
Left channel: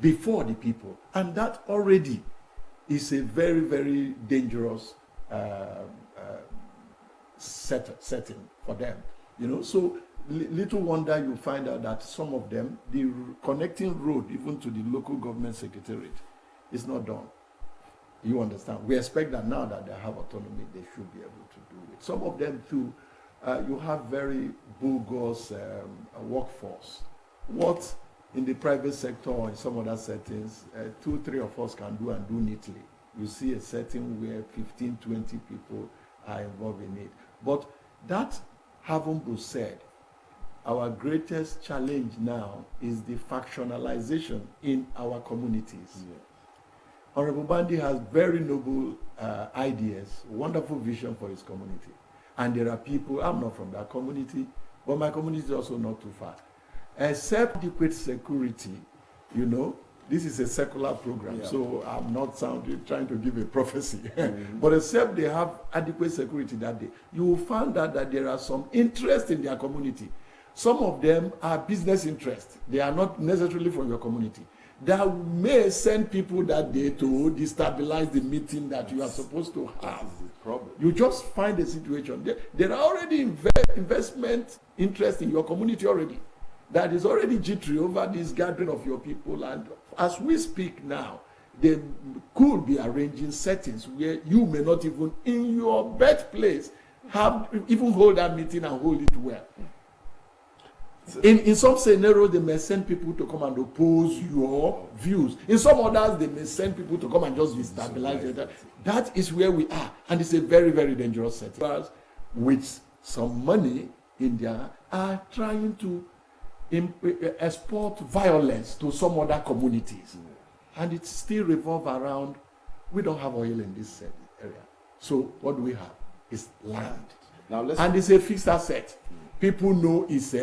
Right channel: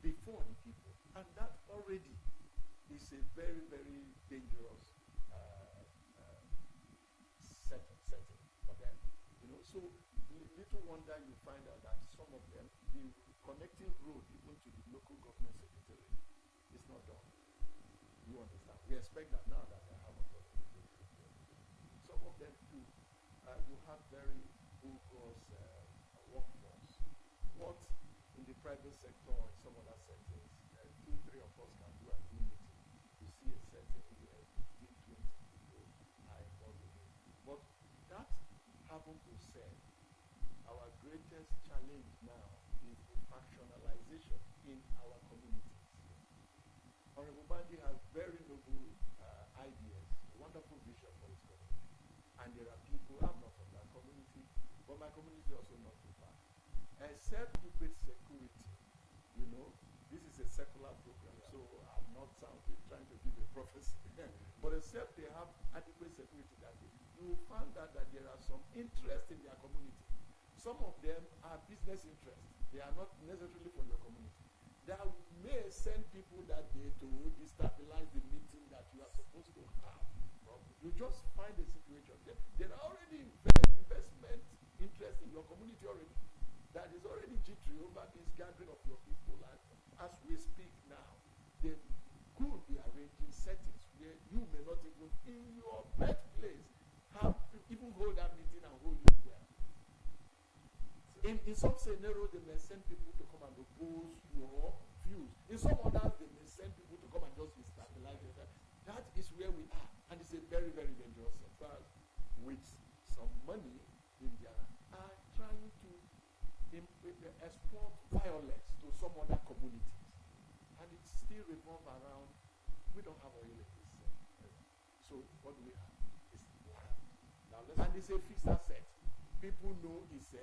before the people, and that already is a very, very dangerous setting for them. You know, so little wonder you find out that some of them, the connecting road even to the local government secretariat is not done. You understand? We expect that now that they have autonomy, they should be able to do it. Some of them too, you have very bogus workforce. What in the private sector or in some other settings, 2, 3 of us can do and do neatly. You see a setting where 15, 20 people are involved in it. But that having been said, our greatest challenge now is the factionalization in our communities. Yeah. Honorable Bandi has very noble ideas, wonderful vision for his community. And there are people, I'm not from that community, but my community is also not too far. Except adequate security, you know, this is a secular program, so I'm not trying to give a prophecy. But except they have adequate security that day, you will find out that there are some interest in their community. Some of them are business interests. They are not necessarily from your community. That may send people that day to destabilize the meeting that you are supposed to have. You just find a situation. There are already investment interest in your community already. That is already jittery over this gathering of your people. And as we speak now, they could be arranging settings where you may not even, in your birthplace, even hold that meeting and hold it well. In some scenarios, they may send people to come and oppose your views. In some others, they may send people to come and just destabilize you. That is where we are. And it's a very, very dangerous setting. With some money in there, are trying to export violence to some other communities. And it still revolves around, we don't have oil in this area. So what do we have? It's land. And it's a fixed asset. People know it's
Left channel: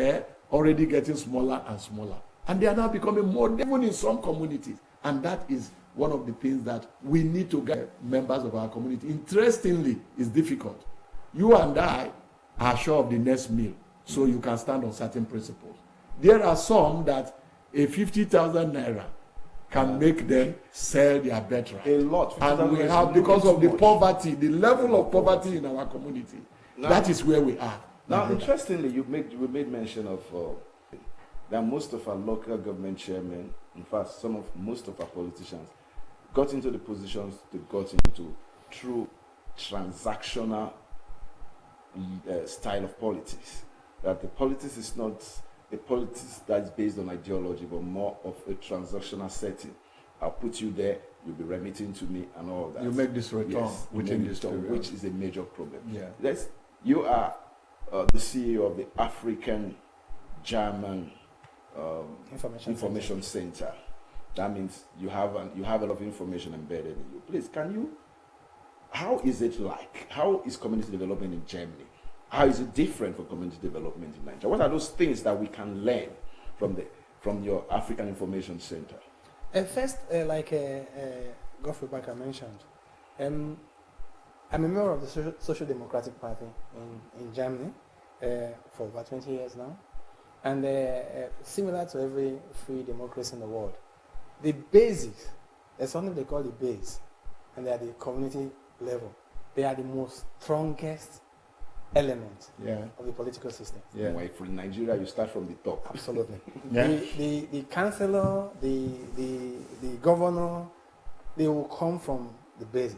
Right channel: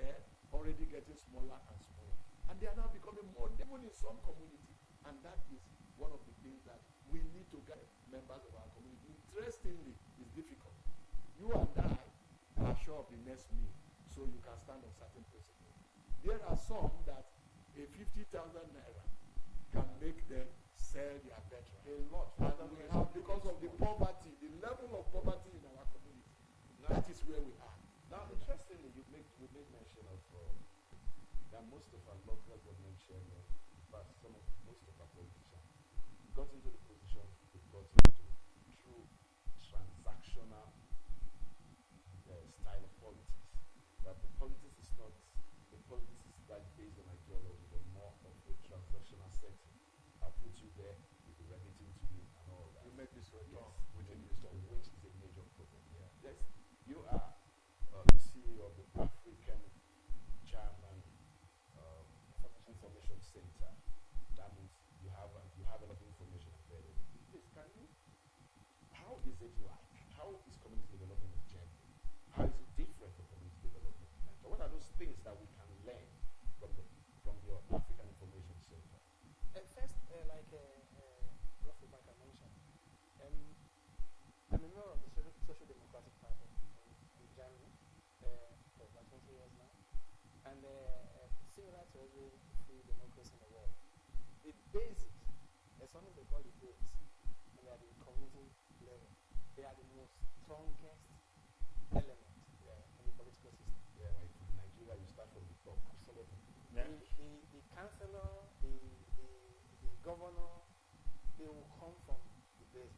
already getting smaller and smaller. And they are now becoming more, even in some communities. And that is one of the things that we need to get members of our community. Interestingly, it's difficult. You and I are sure of the next meal, so you can stand on certain principles. There are some that a 50,000 naira can make them sell their birthright. A lot. And we have, because of the poverty, the level of poverty in our community, that is where we are. Now, interestingly, we made mention of that most of our local government chairmen, in fact, most of our politicians, got into the positions they got into through transactional style of politics. That the politics is not a politics that is based on ideology, but more of a transactional setting. I'll put you there, you'll be remitting to me and all that. You make this return within this return, which is a major problem. Yeah. You are the CEO of the African German Information Center. That means you have a lot of information embedded in you. Please, how is it like? How is community development in Germany? How is it different from community development in Nigeria? What are those things that we can learn from your African Information Center? First, like Godfrey Barker mentioned, I'm a member of the Social Democratic Party in Germany for about 20 years now. And similar to every free democracy in the world, the basics, there's something they call the base, and they are the community level. They are the most strongest element of the political system. Yeah. Why from Nigeria you start from the top. Absolutely. The councillor, the governor, they will come from the basis.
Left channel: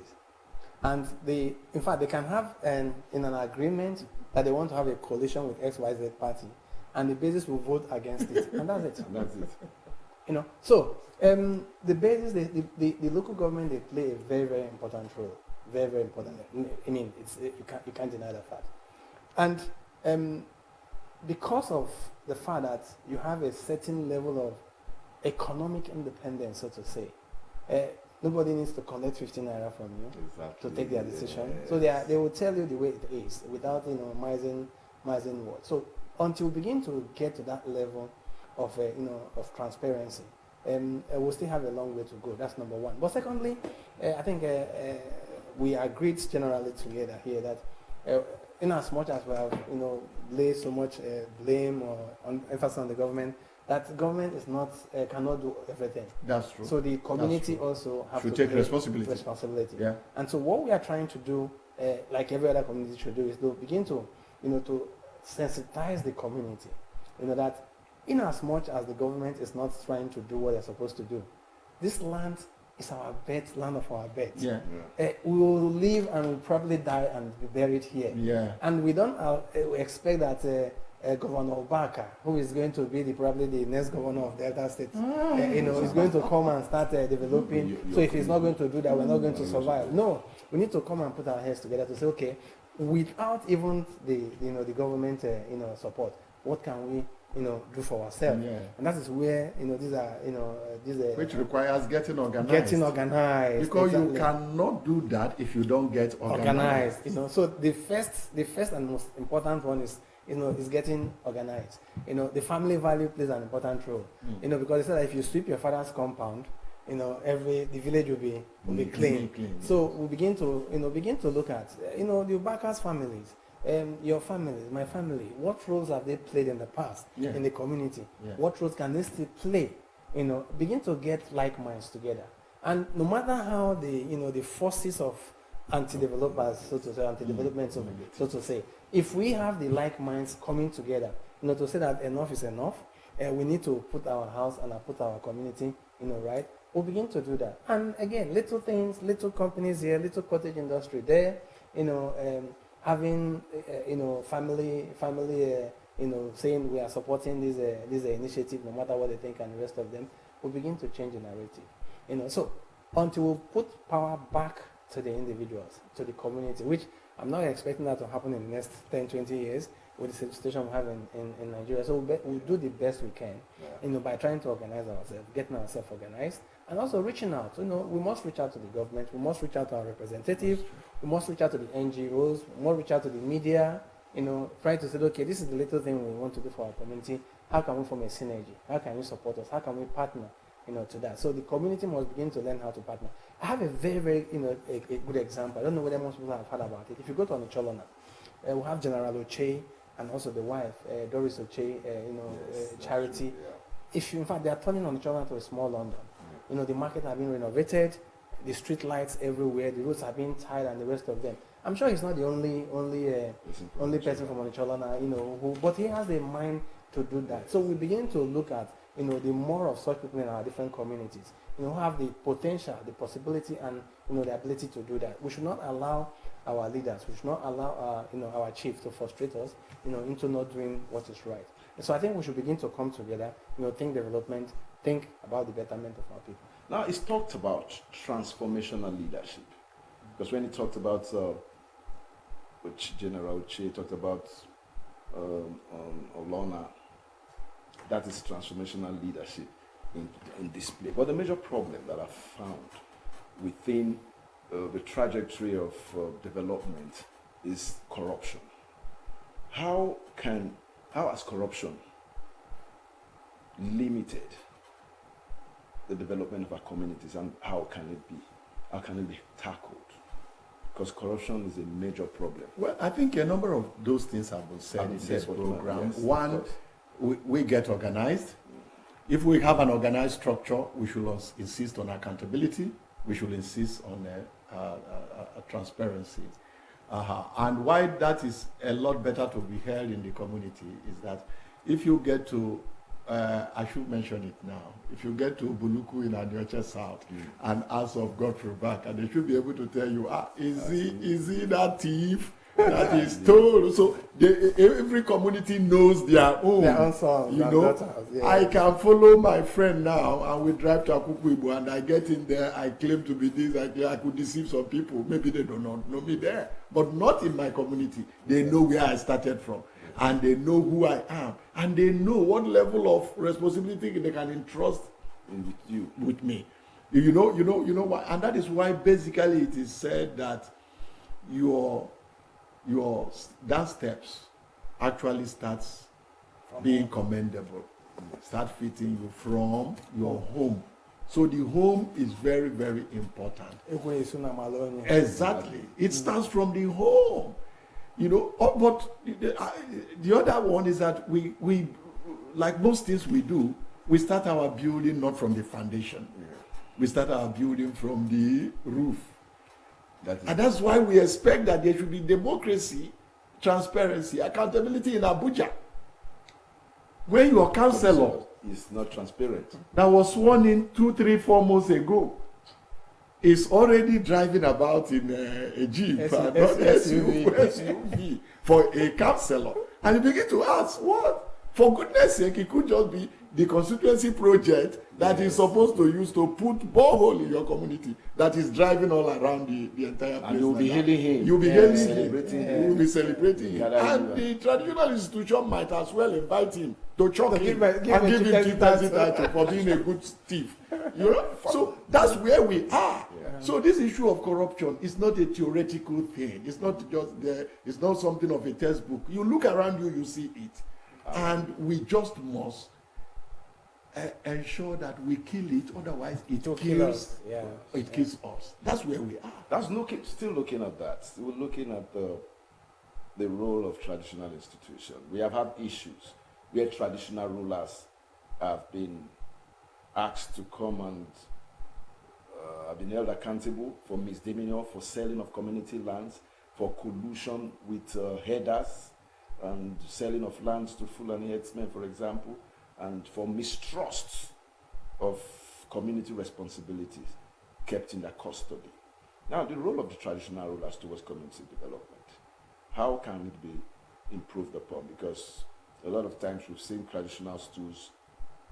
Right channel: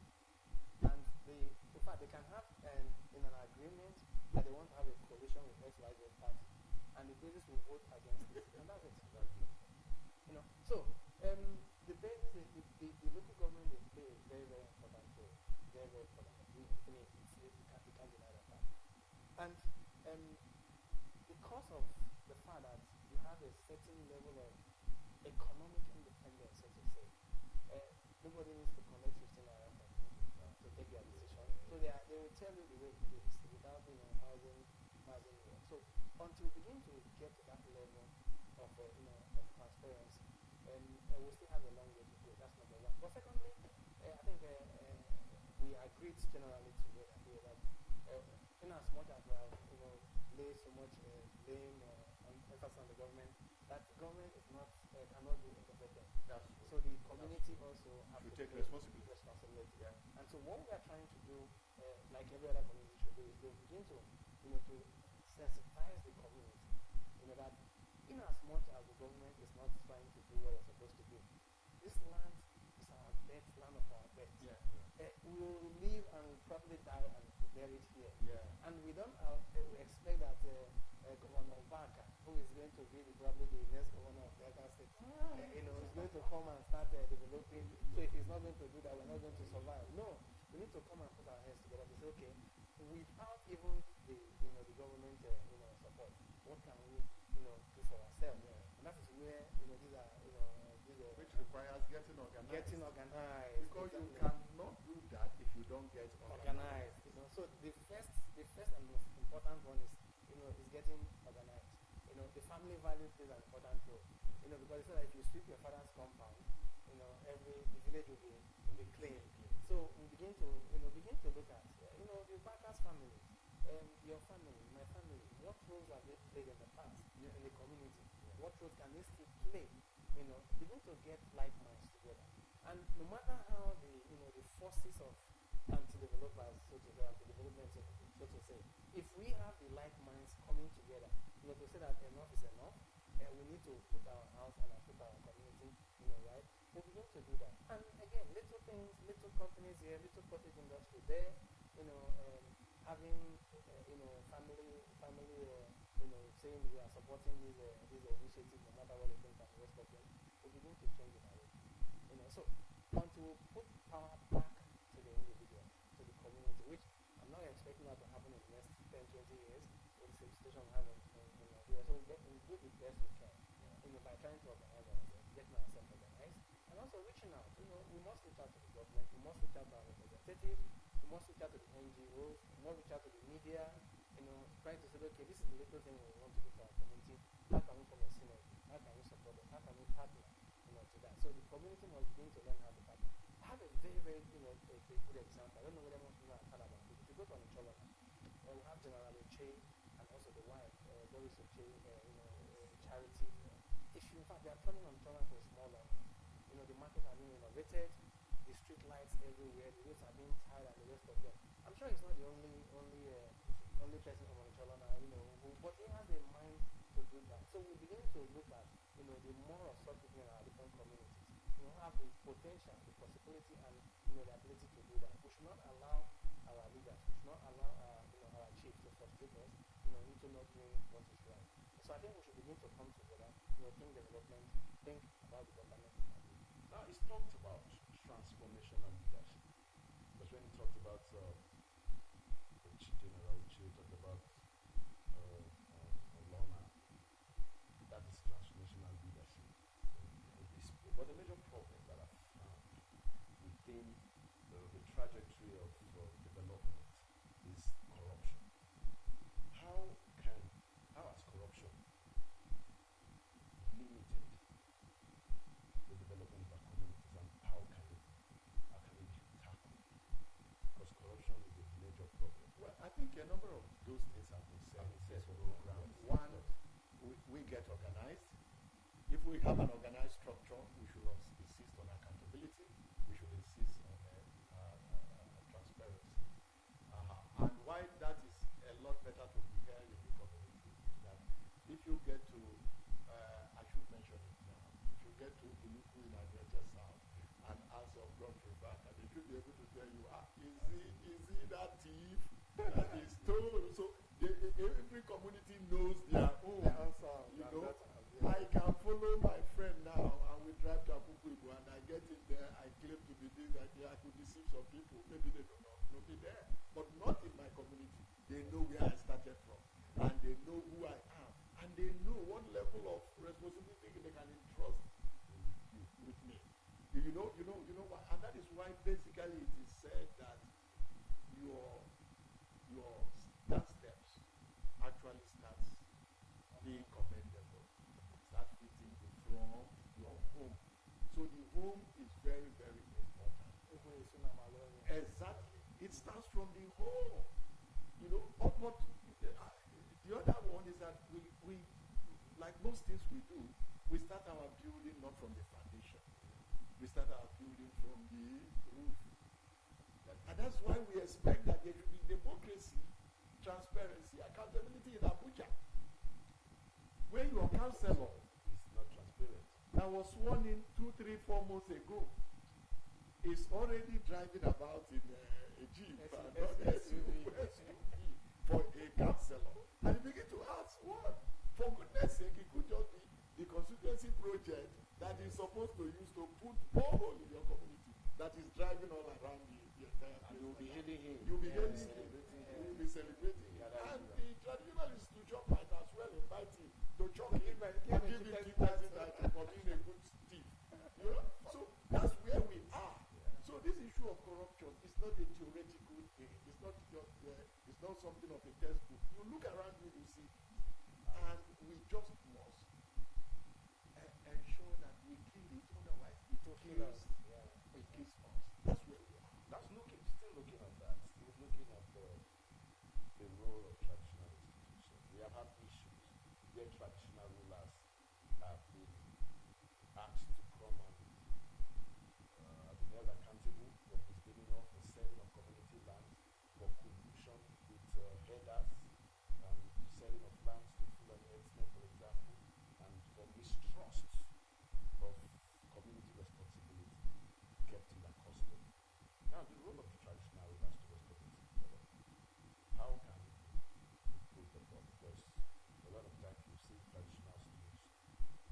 And in fact, they can have in an agreement that they want to have a coalition with XYZ party, and the basis will vote against it, and that's it. And that's it. You know, so the basis, the local government, they play a very, very important role, very, very important. I mean, you can't deny that fact. And because of the fact that you have a certain level of economic independence, so to say, nobody needs to collect 15 naira from you to take their decision. Yes. So they will tell you the way it is without mising words. So until we begin to get to that level of of transparency, we'll still have a long way to go. That's number one. But secondly, I think we agreed generally together here that in as much as we have laid so much blame or emphasis on the government, that government is not cannot do everything. That's true. So the community also have should to take responsibility. Yeah. And so what we are trying to do, like every other community should do, is to begin to to sensitize the community. That in as much as the government is not trying to do what they're supposed to do, this land is our bed, land of our bed. Yeah. We will live and we'll probably die and be buried here. Yeah. And we don't expect that Governor Obaka, who is going to be probably the next governor of Delta State, is going to come and start developing. So if he's not going to do that, we're not going to survive. No, we need to come and put our heads together to say, okay, without even the government support, what can we do for ourselves? Yeah. And that is where these are which requires getting organized. Because you cannot do that if you don't get organized. So the first and most important one is getting organized. The family value plays an important role. Because they say that if you sweep your father's compound, the village will be clean. So we begin to look at the Ubaka's families, your family, my family. What roles have they played in the past in the community? Yeah. What roles can they still play? Begin to get like minds together. And no matter how the forces of anti-developers, so to say, anti-development, so to say, if we have the like minds coming together, to say that enough is enough, we need to put our house and put our community, right? We'll begin to do that. And again, little things, little companies here, little cottage industry there, having, family, saying we are supporting this initiative, no matter what they think, and the rest of them, will begin to change the narrative. So until we put power back to the individuals, to the community, which I'm not expecting that to happen in the next 10, 20 years with the situation we have in Nigeria. So we'll do the best we can, by trying to organize ourselves, getting ourselves organized, and also reaching out. We must reach out to the government, we must reach out to our representatives, we must reach out to the NGOs, we must reach out to the media, try to say, okay, this is the little thing we want to do for our community. How can we form a synergy? How can you support us? How can we partner, to that? So the community must begin to learn how to partner. I have a very, very, a good example. I don't know whether most people have heard about it. If you go to Onicholona, we have General Oche and also the wife, Doris Oche, Charity. In fact, they are turning Onicholona to a small London. The market have been renovated, the street lights everywhere, the roads have been tied, and the rest of them. I'm sure he's not the only person from Onicholona, but he has a mind to do that. So we begin to look at, the more of such people in our different communities, who have the potential, the possibility, and the ability to do that. We should not allow our leaders, we should not allow our chiefs to frustrate us, into not doing what is right. And so I think we should begin to come together, think development, think about the betterment of our people. Now, it's talked about transformational leadership, because when he talked about which General Che talked about Olona, that is transformational leadership in display. But the major problem that I've found within the trajectory of development is corruption. How has corruption limited the development of our communities, and how can it be tackled? Because corruption is a major problem. Well, I think a number of those things have been said in this program. Yes, one, we get organized. If we have an organized structure, we should insist on accountability. We should insist on transparency. And why that is a lot better to be held in the community is that if you get to, I should mention it now, if you get to Buluku in Aniocha South and ask of Godfrey back, and they should be able to tell you, is he that thief that is told. So every community knows their own songs. You know, yeah. I can follow my friend now, and we drive to Akukuibu, and I get in there. I claim to be this. I could deceive some people. Maybe they do not know me there, but not in my community. They know where I started from, and they know who I am, and they know what level of responsibility they can entrust with me. You know why, and that is why basically it is said that your dance steps actually starts being commendable, start fitting you from your home. So the home is very, very important. Exactly, it starts from the home. You know, but the other one is that we like most things we do, we start our building not from the foundation. We start our building from the roof. And that's why we expect that there should be democracy, transparency, accountability in Abuja. When your councillor is not transparent, that was sworn in 2, 3, 4 months ago, is already driving about in a Jeep, SUV, for a councillor. And you begin to ask, what? For goodness sake, it could just be the constituency project that is supposed to use to put borehole in your community that is driving all around the entire place. And you'll be hailing him. You'll be hailing him. You will be celebrating him. And the traditional institution might as well invite him to choke him and give him chieftaincy title for being a good thief. You know? So that's where we are. So this issue of corruption is not a theoretical thing. It's not just there. It's not something of a textbook. You look around you, you see it. And we just must ensure that we kill it, otherwise it kills us. That's where we are. Still looking at that. Still looking at the role of traditional institutions. We have had issues where traditional rulers have been asked to come and have been held accountable for misdemeanor, for selling of community lands, for collusion with headers and selling of lands to Fulani herdsmen, for example, and for mistrust of community responsibilities kept in their custody. Now, the role of the traditional rulers towards community development, how can it be improved upon? Because a lot of times we've seen traditional stools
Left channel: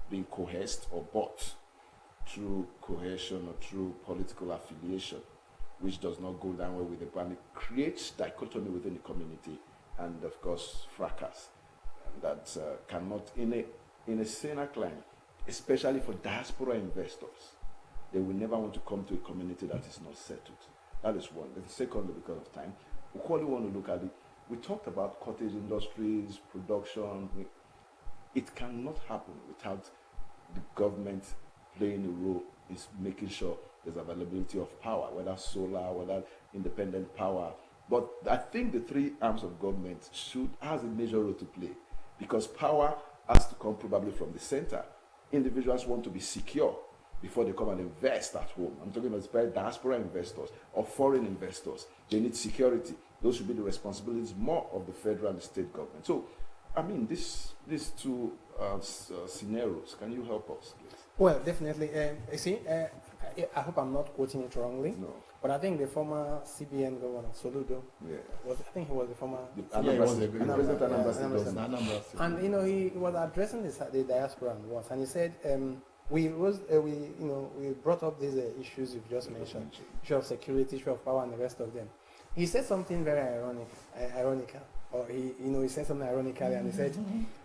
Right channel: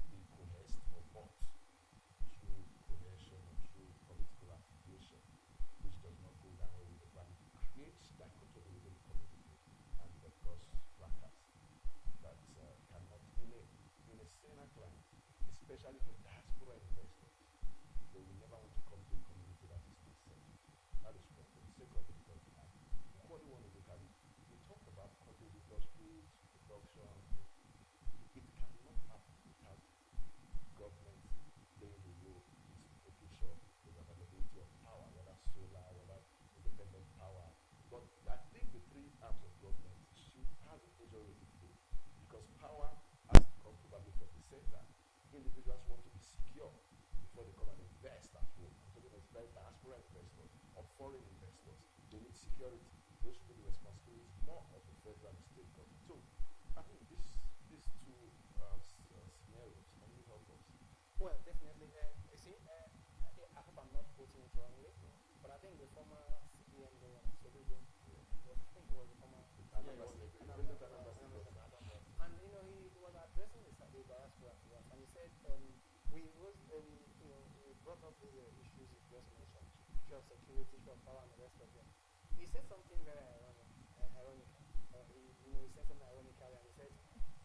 being coerced or bought through coercion or through political affiliation, which does not go down well with the plan. It creates dichotomy within the community and, of course, fracas. And that cannot, in a saner climate, especially for diaspora investors, they will never want to come to a community that is not settled. That is one. And secondly, because of time, we probably want to look at it. We talked about cottage industries, production. It cannot happen without the government playing a role in making sure there's availability of power, whether solar, whether independent power. But I think the three arms of government has a major role to play, because power has to come probably from the center. Individuals want to be secure before they come and invest at home. I'm talking about diaspora investors or foreign investors. They need security. Those should be the responsibilities more of the federal and state government. So, I mean, these two scenarios, can you help us, please? Well, definitely. You see, I hope I'm not quoting it wrongly. No. But I think the former CBN governor, Soludo, I think he was the former... And, you know, he was addressing the diaspora once, and he said, we brought up these issues you've just mentioned, issue of security, issue of power, and the rest of them. He said something very ironical, or he said something ironically, and he said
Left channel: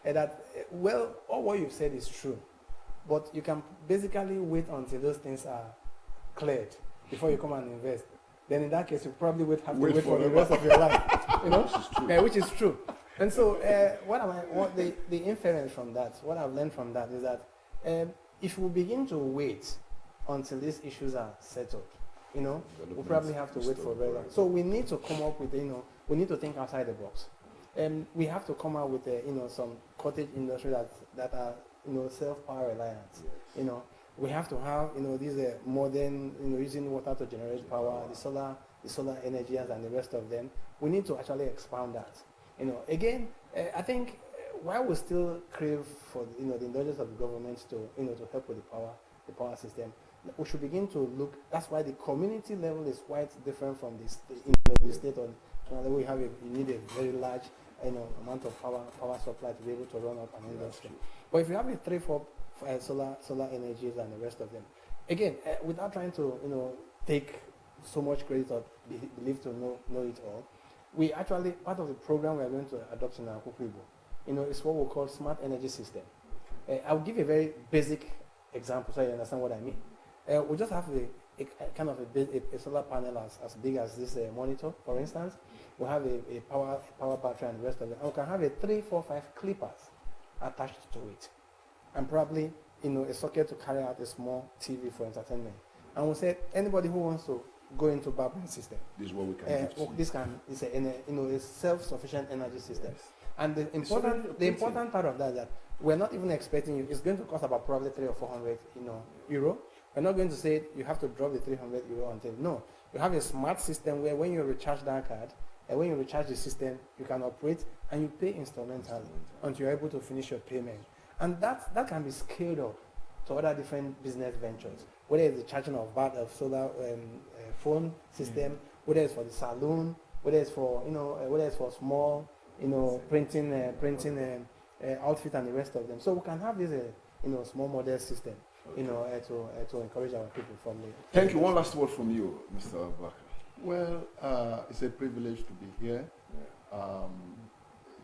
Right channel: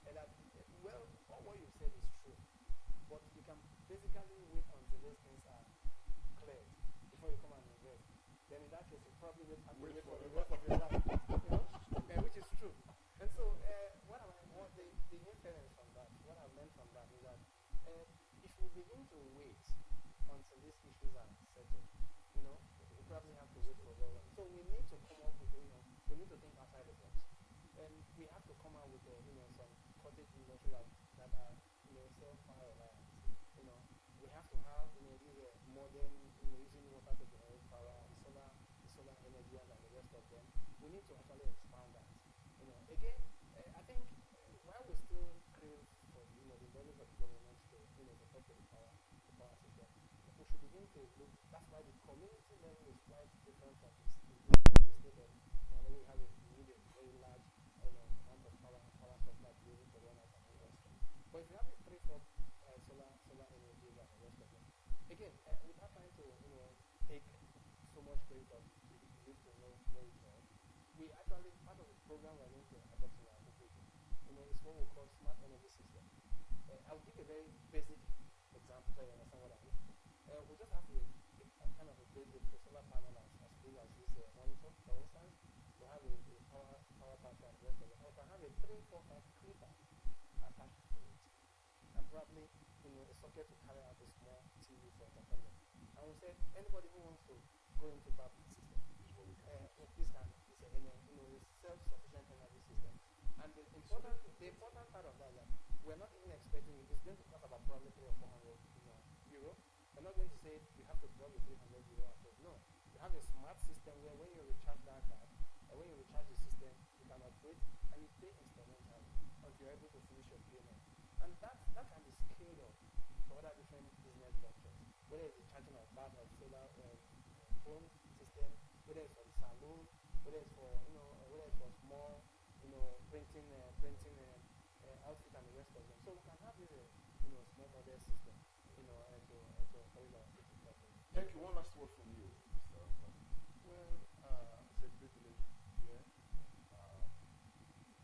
that, well, all what you've said is true, but you can basically wait until those things are cleared before you come and invest. Then in that case, you probably would have to wait for the rest of your life, you know, which is true. And so, the inference from that, what I've learned from that is that if we begin to wait until these issues are settled, you know, we'll probably have to wait for very long. So we need to come up with, we need to think outside the box. We have to come out with, some cottage industry that are, self-power reliant. You know, we have to have, these modern, using water to generate power, the solar energy and the rest of them. We need to actually expand that. Again, I think while we still crave for, the indulgence of the government to help with the power system, we should begin to look. That's why the community level is quite different from the state or We have you need a very large amount of power supply to be able to run up an industry. But if you have a 3-4 solar energies and the rest of them, again, without trying to take so much credit or believe to know it all, we actually, part of the program we are going to adopt in our Kukuibo, is what we call smart energy system. I'll give a very basic example so you understand what I mean. We just have a kind of a solar panel as big as this monitor, for instance. We have a power battery and the rest of it. And we can have a 3, 4, 5 clippers attached to it, and probably a socket to carry out a small TV for entertainment. And we said anybody who wants to go into barbering system, this is what we can do. This is a self-sufficient energy system. Yes. And the important part of that is that we're not even expecting you. It's going to cost about probably 300 or 400 euro. We're not going to say you have to drop the 300 euro until no. You have a smart system where when you recharge that card, and when you recharge the system, you can operate and you pay instrumentally until you're able to finish your payment. And that can be scaled up to other different business ventures, whether it's the charging of solar phone system, whether it's for the saloon, whether it's for small printing outfit and the rest of them. So we can have this small model system to encourage our people from the. Thank you. One last word from you, Mr. Abubakar. Well, it's a privilege to be here.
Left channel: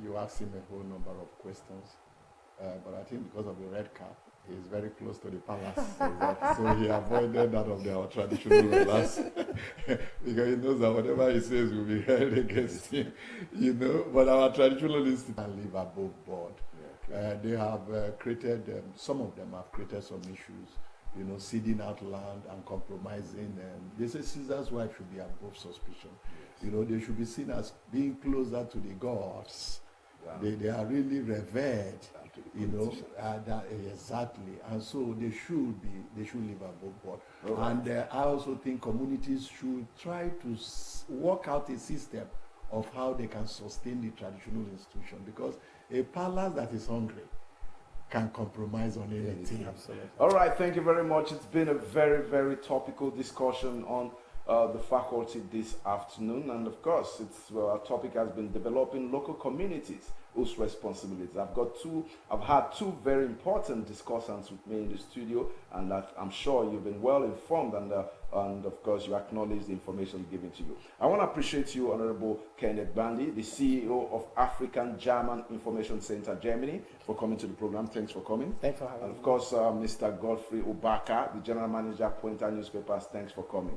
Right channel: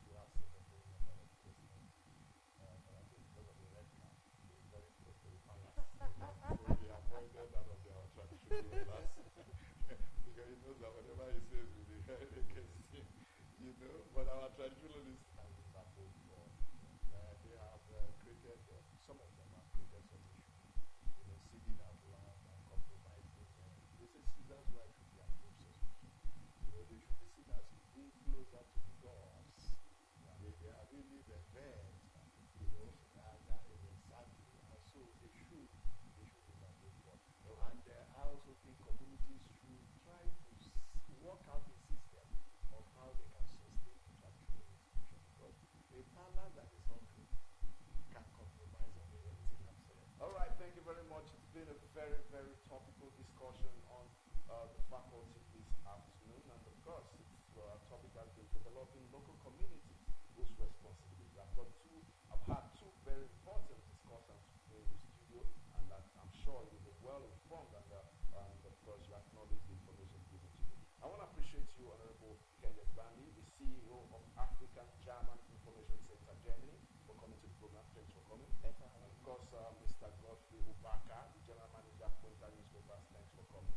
You asked him a whole number of questions, but I think because of the red cap, he's very close to the palace, so he avoided that of our traditional rulers because he knows that whatever he says will be held against him, But our traditional institutions live above board. They have created, some of them have created some issues, ceding out land and compromising. They say Caesar's wife should be above suspicion. Yes. They should be seen as being closer to the gods. Yeah. They are really revered, exactly. And so they should live above board. Okay. And I also think communities should try to work out a system of how they can sustain the traditional institution, because a palace that is hungry can compromise on anything. Absolutely. All right, thank you very much. It's been a very, very topical discussion on the faculty this afternoon, and of course, our topic has been developing local communities whose responsibilities. I've had two very important discussants with me in the studio, and that I'm sure you've been well informed, and of course you acknowledge the information given to you. I want to appreciate you, Honorable Kenneth Bandy, the CEO of African German Information Center, Germany, for coming to the program. Thanks for coming. Thanks for having me. And of course, Mr. Godfrey Ubaka, the General Manager, Pointer Newspapers. Thanks for coming.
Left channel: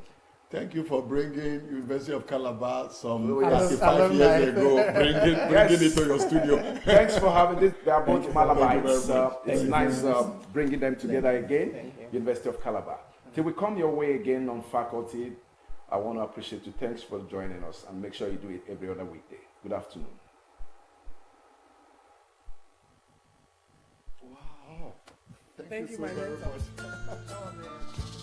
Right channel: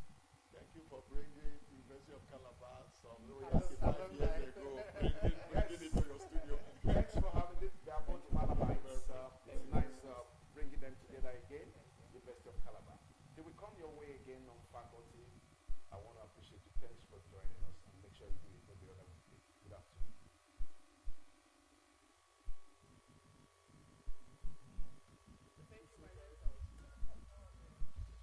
Thank you for bringing University of Calabar some 35 years ago, bringing it to your studio. Thanks for having this. They are both Malabites. It's nice bringing them together again. University of Calabar. Till we come your way again on faculty, I want to appreciate you. Thanks for joining us, and make sure you do it every other weekday. Good afternoon. Wow. Thank you so very much.